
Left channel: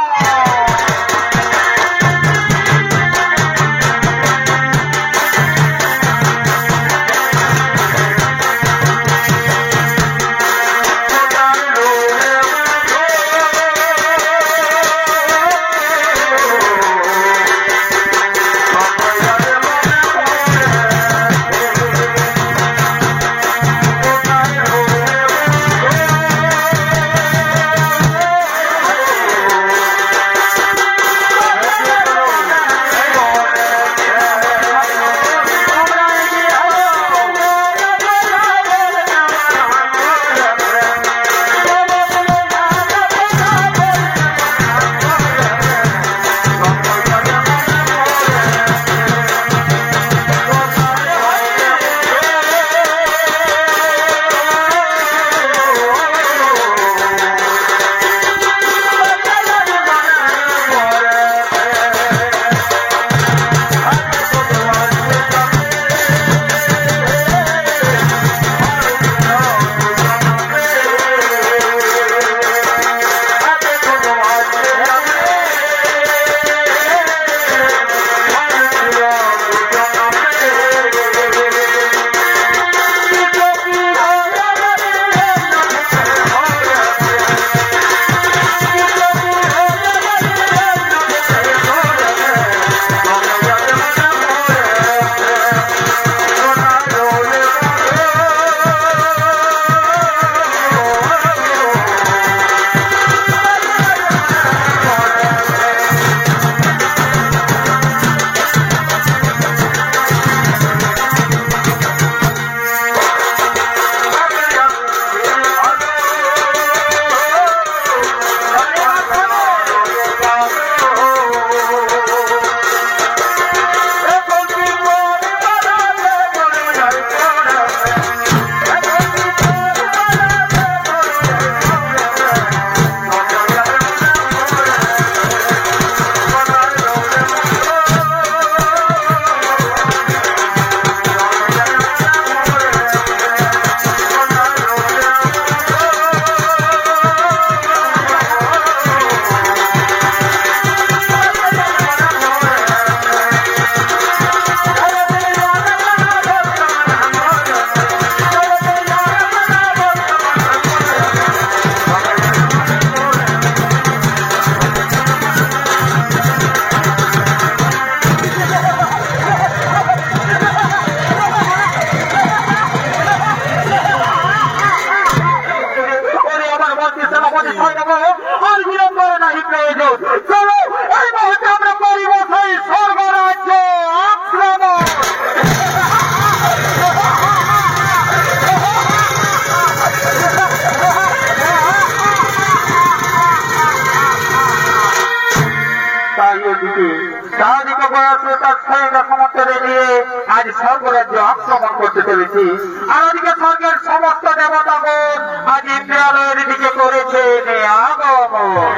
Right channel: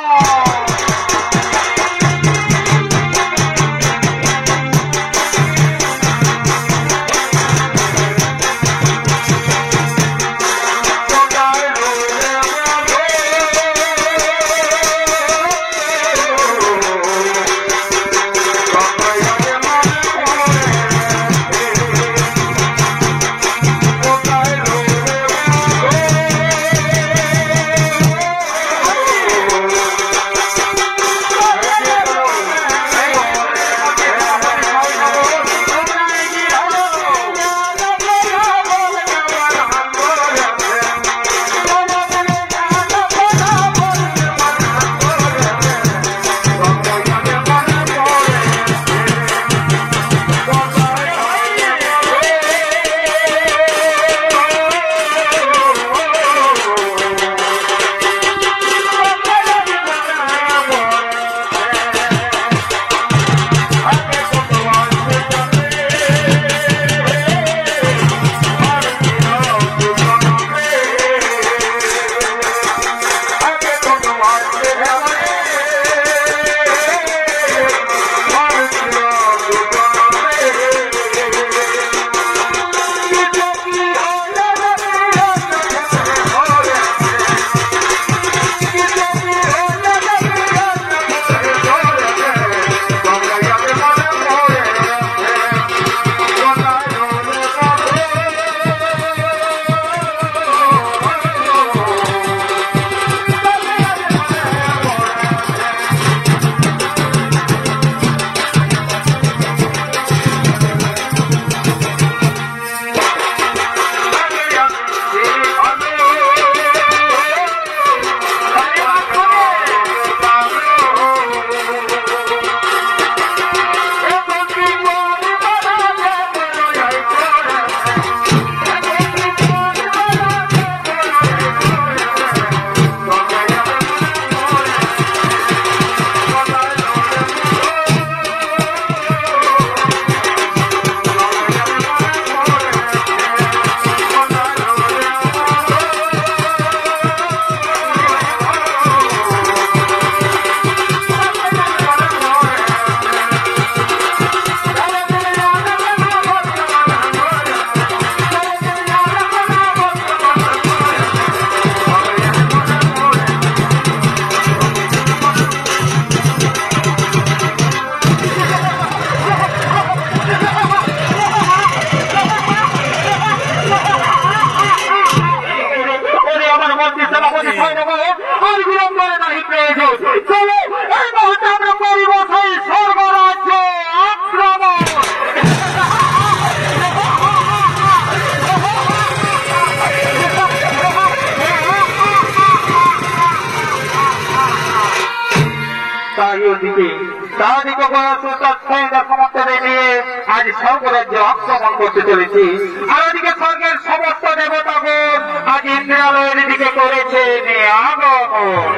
এদিকে তাদিকে সমর্থনে নিয়ে আজ স্বর্গরাজ্য আক্রমণ করতে চলেছে। আর ওদিকে স্বর্গের সমস্ত দেবতাগণ আজ ইন্দ্রালয়ের দিকে করেছে আগমন।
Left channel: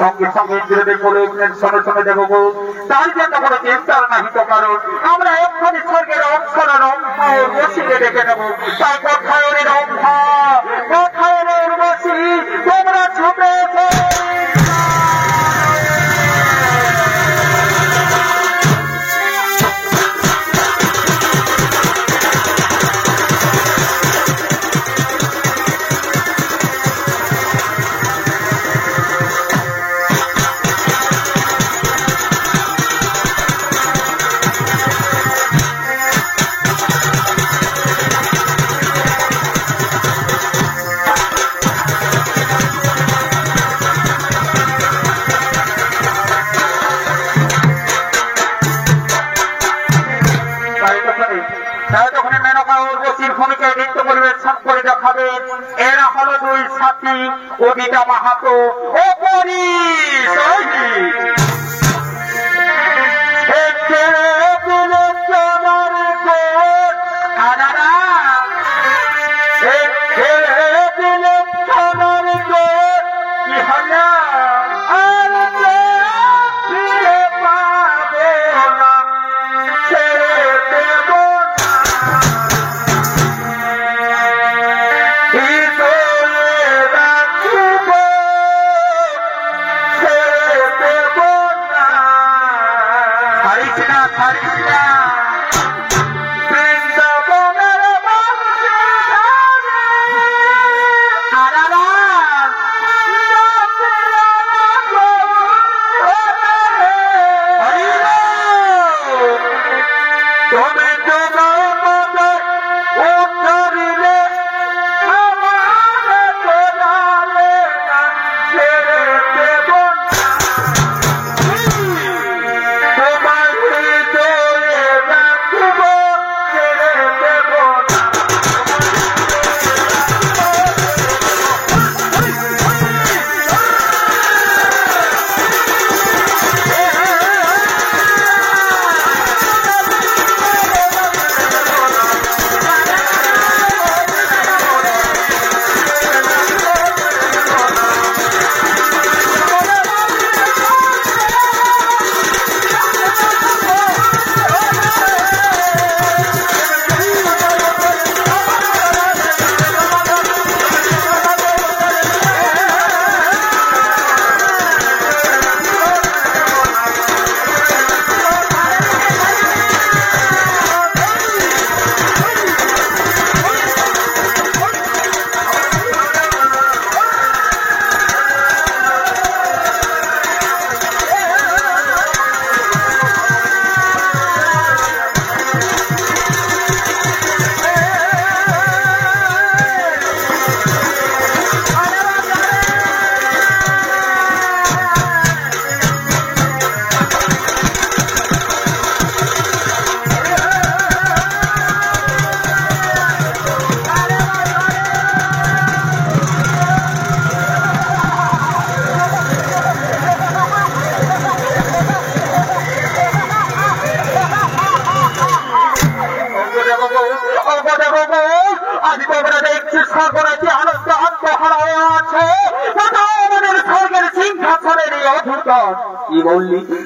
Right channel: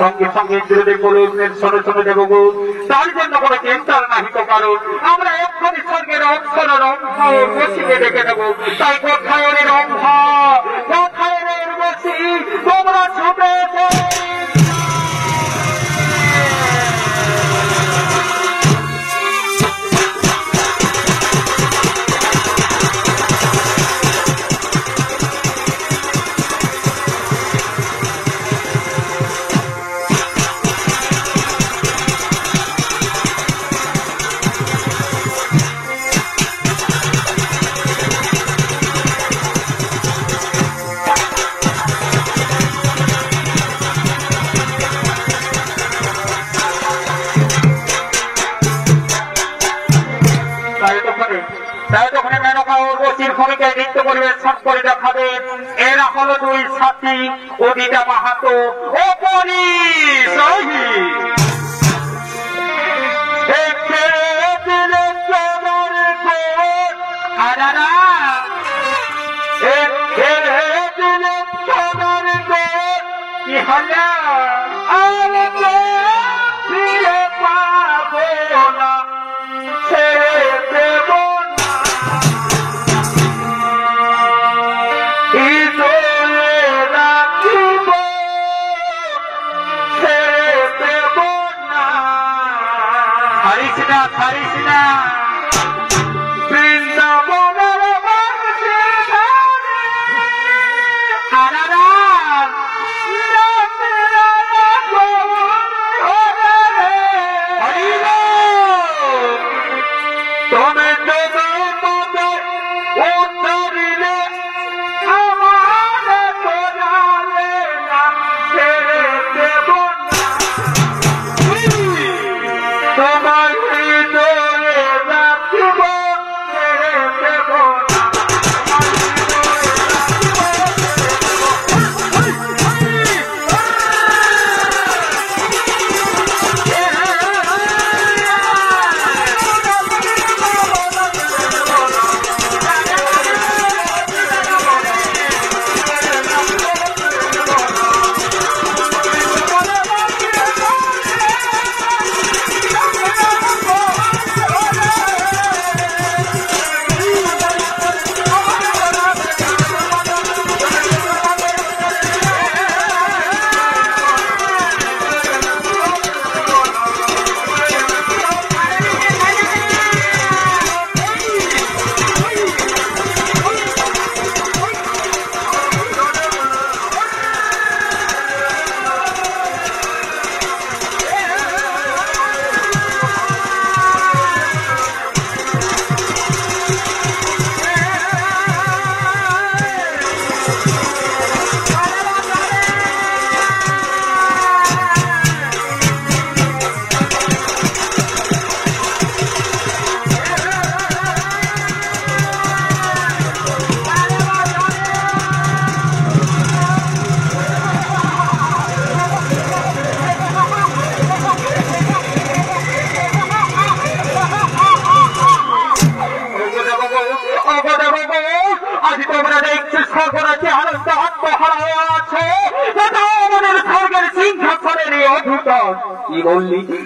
সঙ্গে সঙ্গে ইন্দ্রদেব বলে উঠলেন, শোনো শোনো দেবগো, তার জন্য কোনো চিন্তার নাহিত কারণ আমরা এক্ষুনি স্বর্গের অক্ষর রম্ভা উর্বশীকে ডেকে নেব। তাই কোথায় রম্ভা, কোথায় উর্বশী, তোমরা ছুটে নৃত্য পরিবেশন করে দেখাবেন। এরা হলো দুই সাথী, অদিতা মাহাতো ও পরি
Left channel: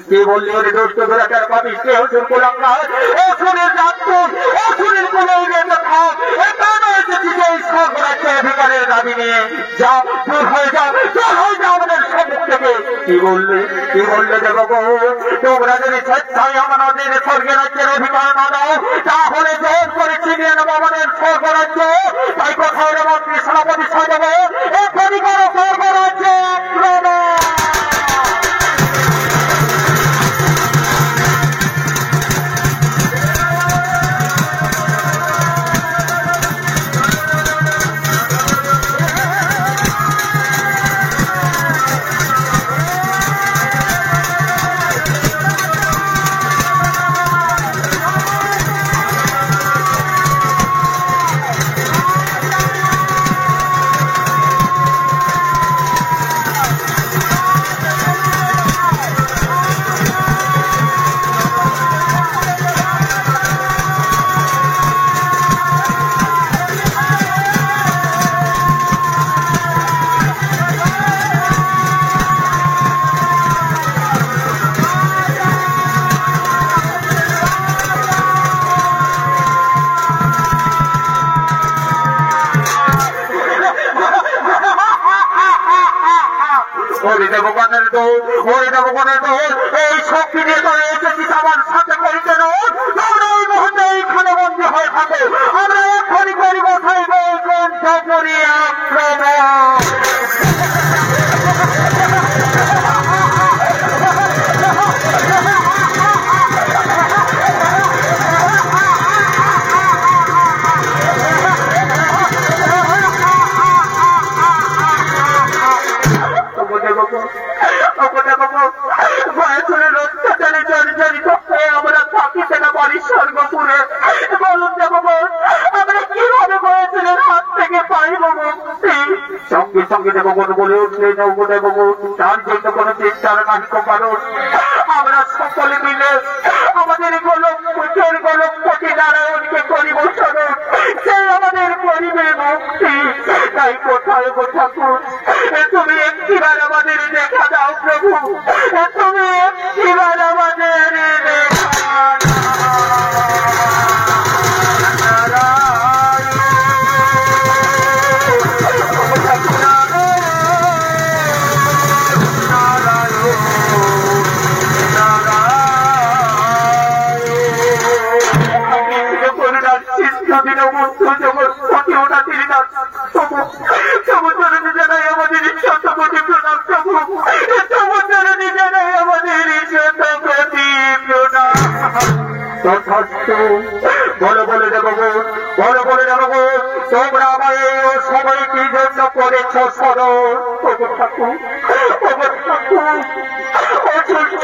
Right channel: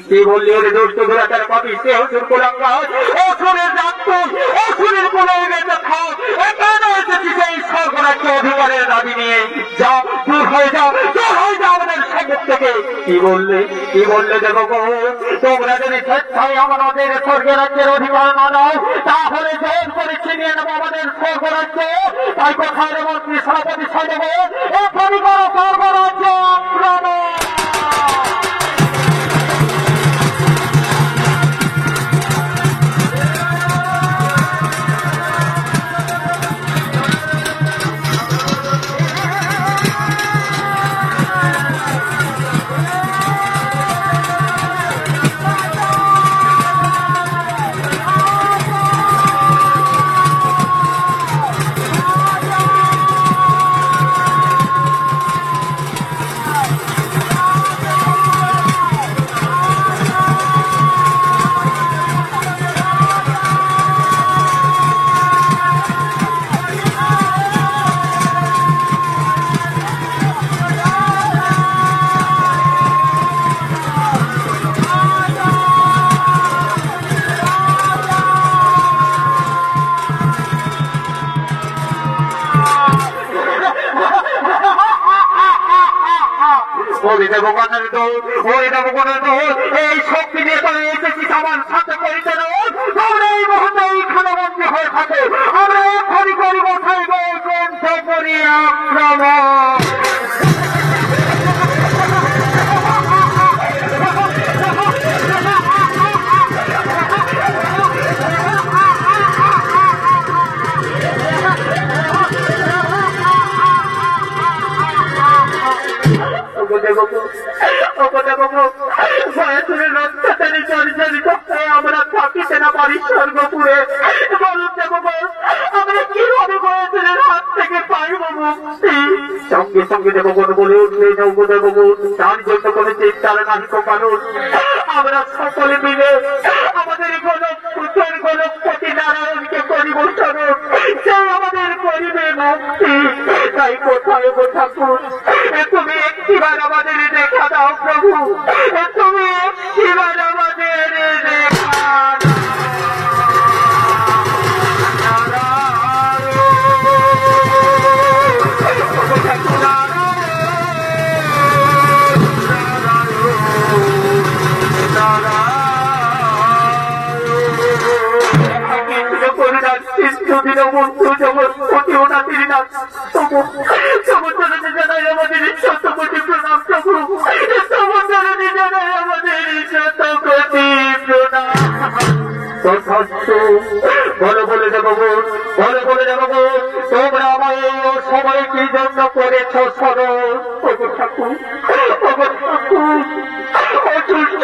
কি বললি ওরে দুষ্ট দুরাচার পাপী সে অসুর কুলাঙ্গার অসুরের রাক্ষস অসুরের কোলের বেঁচে থাক এখানে এসেছিস এই সর্বরাজ্য অধিকারের দাবি নিয়ে যা দূর হয়ে যা আমাদের সামনে থেকে। কি বললে দেবগো, তোমরা যদি স্বেচ্ছায় আমাদের স্বর্গরাজ্যের অধিকার না দাও তাহলে জোর করে ছিনিয়ে নেবো আমাদের স্বর্গরাজ্য। তাই কোথায় মন্ত্রী সভাপতি সাজাবো এখনই করো স্বর্গরাজ্য আক্রমণ। হরি দেবগণের দোল, হরি দেবগণের দোল, এই শক্তি নিয়ে তোরা এসেছিস আমার সাথে করিতে দোল। তোমরা এই মুহূর্তে এইখানে বন্দী হয়ে থাকো, আমরা এক্ষুনি করিব থাকবো কণ্ঠপুরী আক্রমণ। আমরা থাকিতে না পারি স্বর্গপুরে, বলুন দেবগণ আমরা কিভাবে বয়সের হাত থেকে পাইব মুক্তি? সঙ্গে সঙ্গে দেবগণ বলে উঠে দেবগণ তার জন্য কোন চিন্তার নাহিক কারণ। আমরা সকলে মিলে আমাদের গোলকপতি নারায়ণকে করিব স্মরণ, সেই আমাদের করিবে মুক্তি। তাই কোথায় গো ঠাকুর, তুমি একটিবার আমাদের দেখা দাও প্রভু, তুমি একটিবার আমাদের দেখা দাও। বলে দেবগণ, তোমরা আমায় এই সময় কি জন্য করেছ স্মরণ?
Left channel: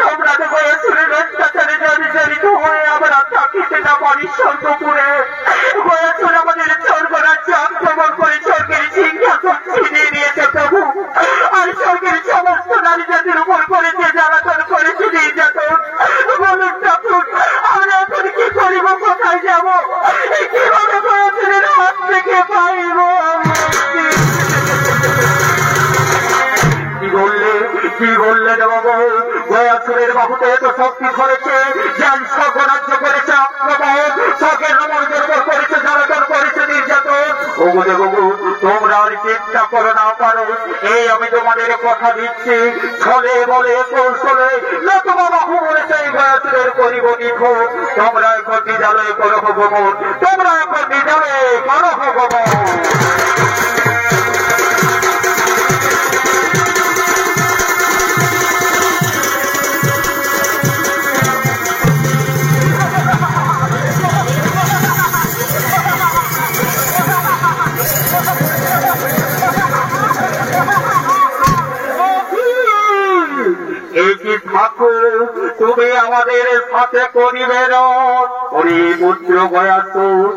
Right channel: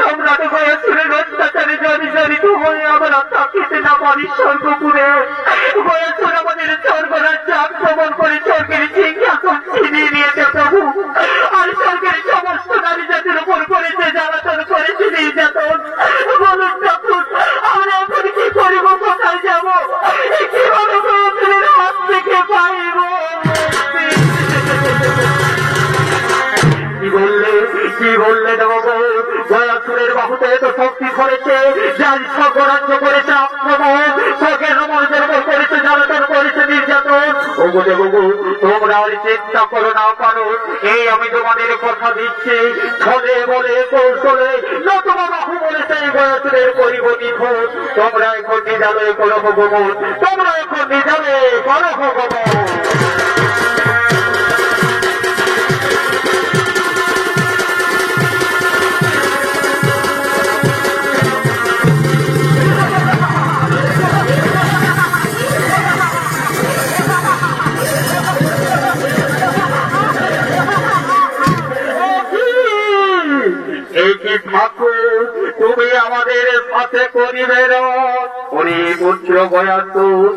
সম্রাট হয়েছিলেন অত্যাচারে জর্জরিত হয়ে আমরা থাকিতে না পারি স্বর্গপুরে, হয়েছিল আমাদের স্বর্গরাজ্যে আক্রমণ করে স্বর্গের সিংহাসন ছিনিয়ে নিয়েছে প্রভু। আর স্বর্গের সমস্ত নারী জাতির উপর করেছে জ্বালাতন, করেছে নির্যাতন। বলুন ঠাকুর আমরা এখন কি করিব, কোথায় যাব, কিভাবে হয়েছিলেন হাত থেকে পাইব? কি বললে দেবগণ, গয়াসুরের বাহুতে এত শক্তি করেছে, যার স্বর্গরাজ্য করেছে আক্রমণ, স্বর্গের রমণীদের উপর করেছে জ্বালাতন, করেছে নির্যাতন। ওগো দেবগণ তোমরা আর চিন্তা করো না পারো, এই আমি তোমাদের কথা দিচ্ছি, ছলে বলে কৌশলে নতুবা বাহু বলেছে এই গয়াসুরের করিব নিধন। তোমরা এখন নিজালয়ে করো ভগবান, তোমরা এখন নিজালয়ে করো ভগবান। তুমি আমাদের সাথে করিবে পুত্র গয়াসুর,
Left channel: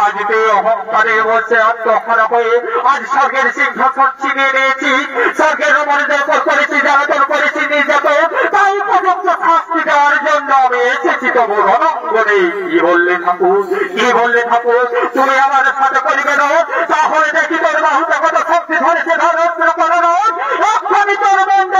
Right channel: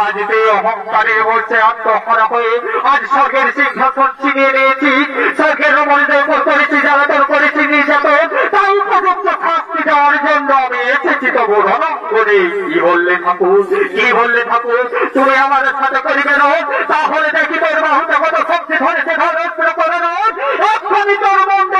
আজ তুই অহংকারে বসে আত্মহরা হয়ে আজ স্বর্গের সিংহাসন ছিনিয়ে নিয়েছি, স্বর্গের রমণীদের উপর করেছি জ্বালাতন, করেছি নির্যাতন। তাই উপযুক্ত শাস্তি দেওয়ার জন্য আমি এসেছি তবু রণাঙ্গনে। কি বললে ঠাকুর, কি বললে ঠাকুর, তুমি আমাদের সাথে করিবে না? তাহলে দেখি তোর বাহুতে কত শক্তি ধরেছে, ধরস্ত্র করে না এক্ষুনি তোর মন্দ।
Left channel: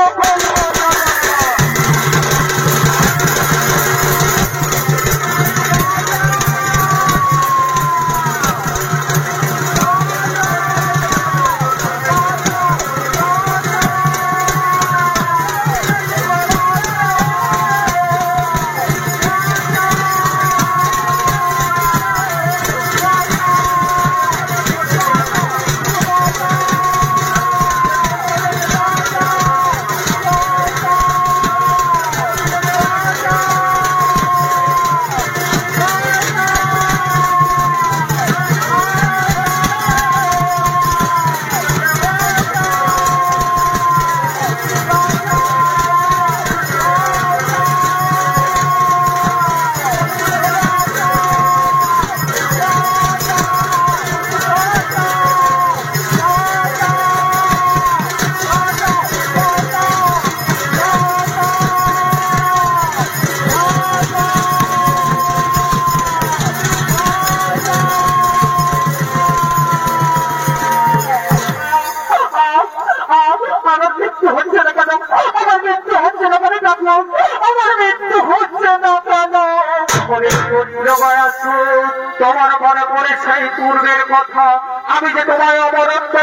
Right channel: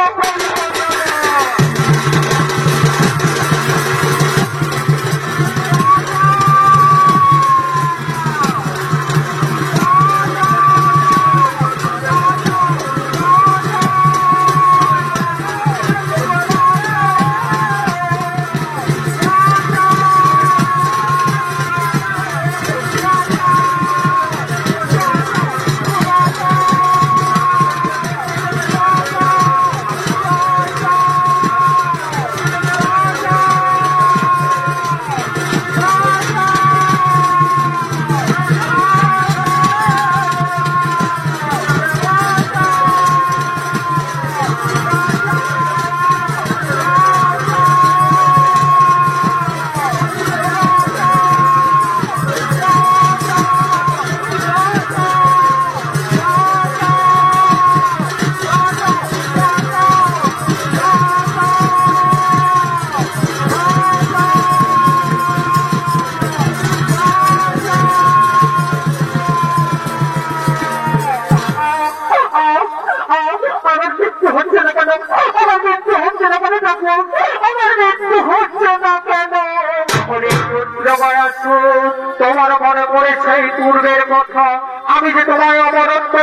তোমার মনে পড়ে সেই পূর্বের কথা, আমি যে তোমায় অমরত্ব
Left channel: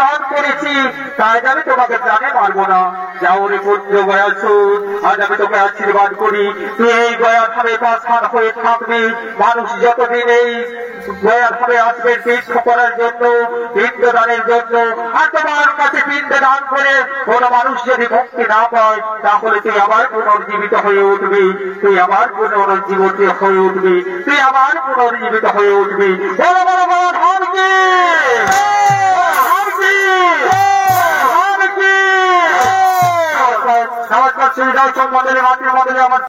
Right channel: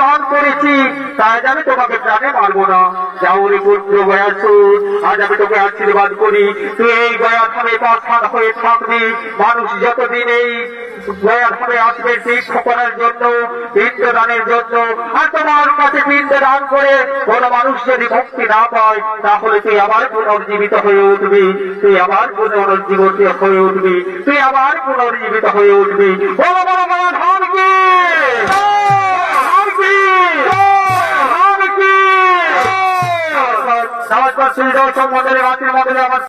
দান করেছি, তাই আমি তোমাকে প্রাণে মারবো না। যাও রে পুত্র গয়াসুর, আজ আমি তোকে আশীর্বাদ করি, তুই এই গয়া ধামে পাশান হয়ে থাকবি। মানুষ যতদিন এই গয়া ধামে আসবে তীর্থ করার জন্য, পিণ্ডদানের জন্য, আর তোমার কাছে পিণ্ড দান করে কোন মানুষ যদি মুক্তি না পায়, তাহলে তুই আবার পুনর্জীবিত হয়ে উঠবি, তুই আবার পুনর্জীবিত হয়ে উঠবি, তুই আবার পুনর্জীবিত হয়ে উঠবি। বড় বড় গয়া ধাম কি নমস্কার। শ্রী দর্শক মন্ডলী, মাতৃ মন্ডলী, আমার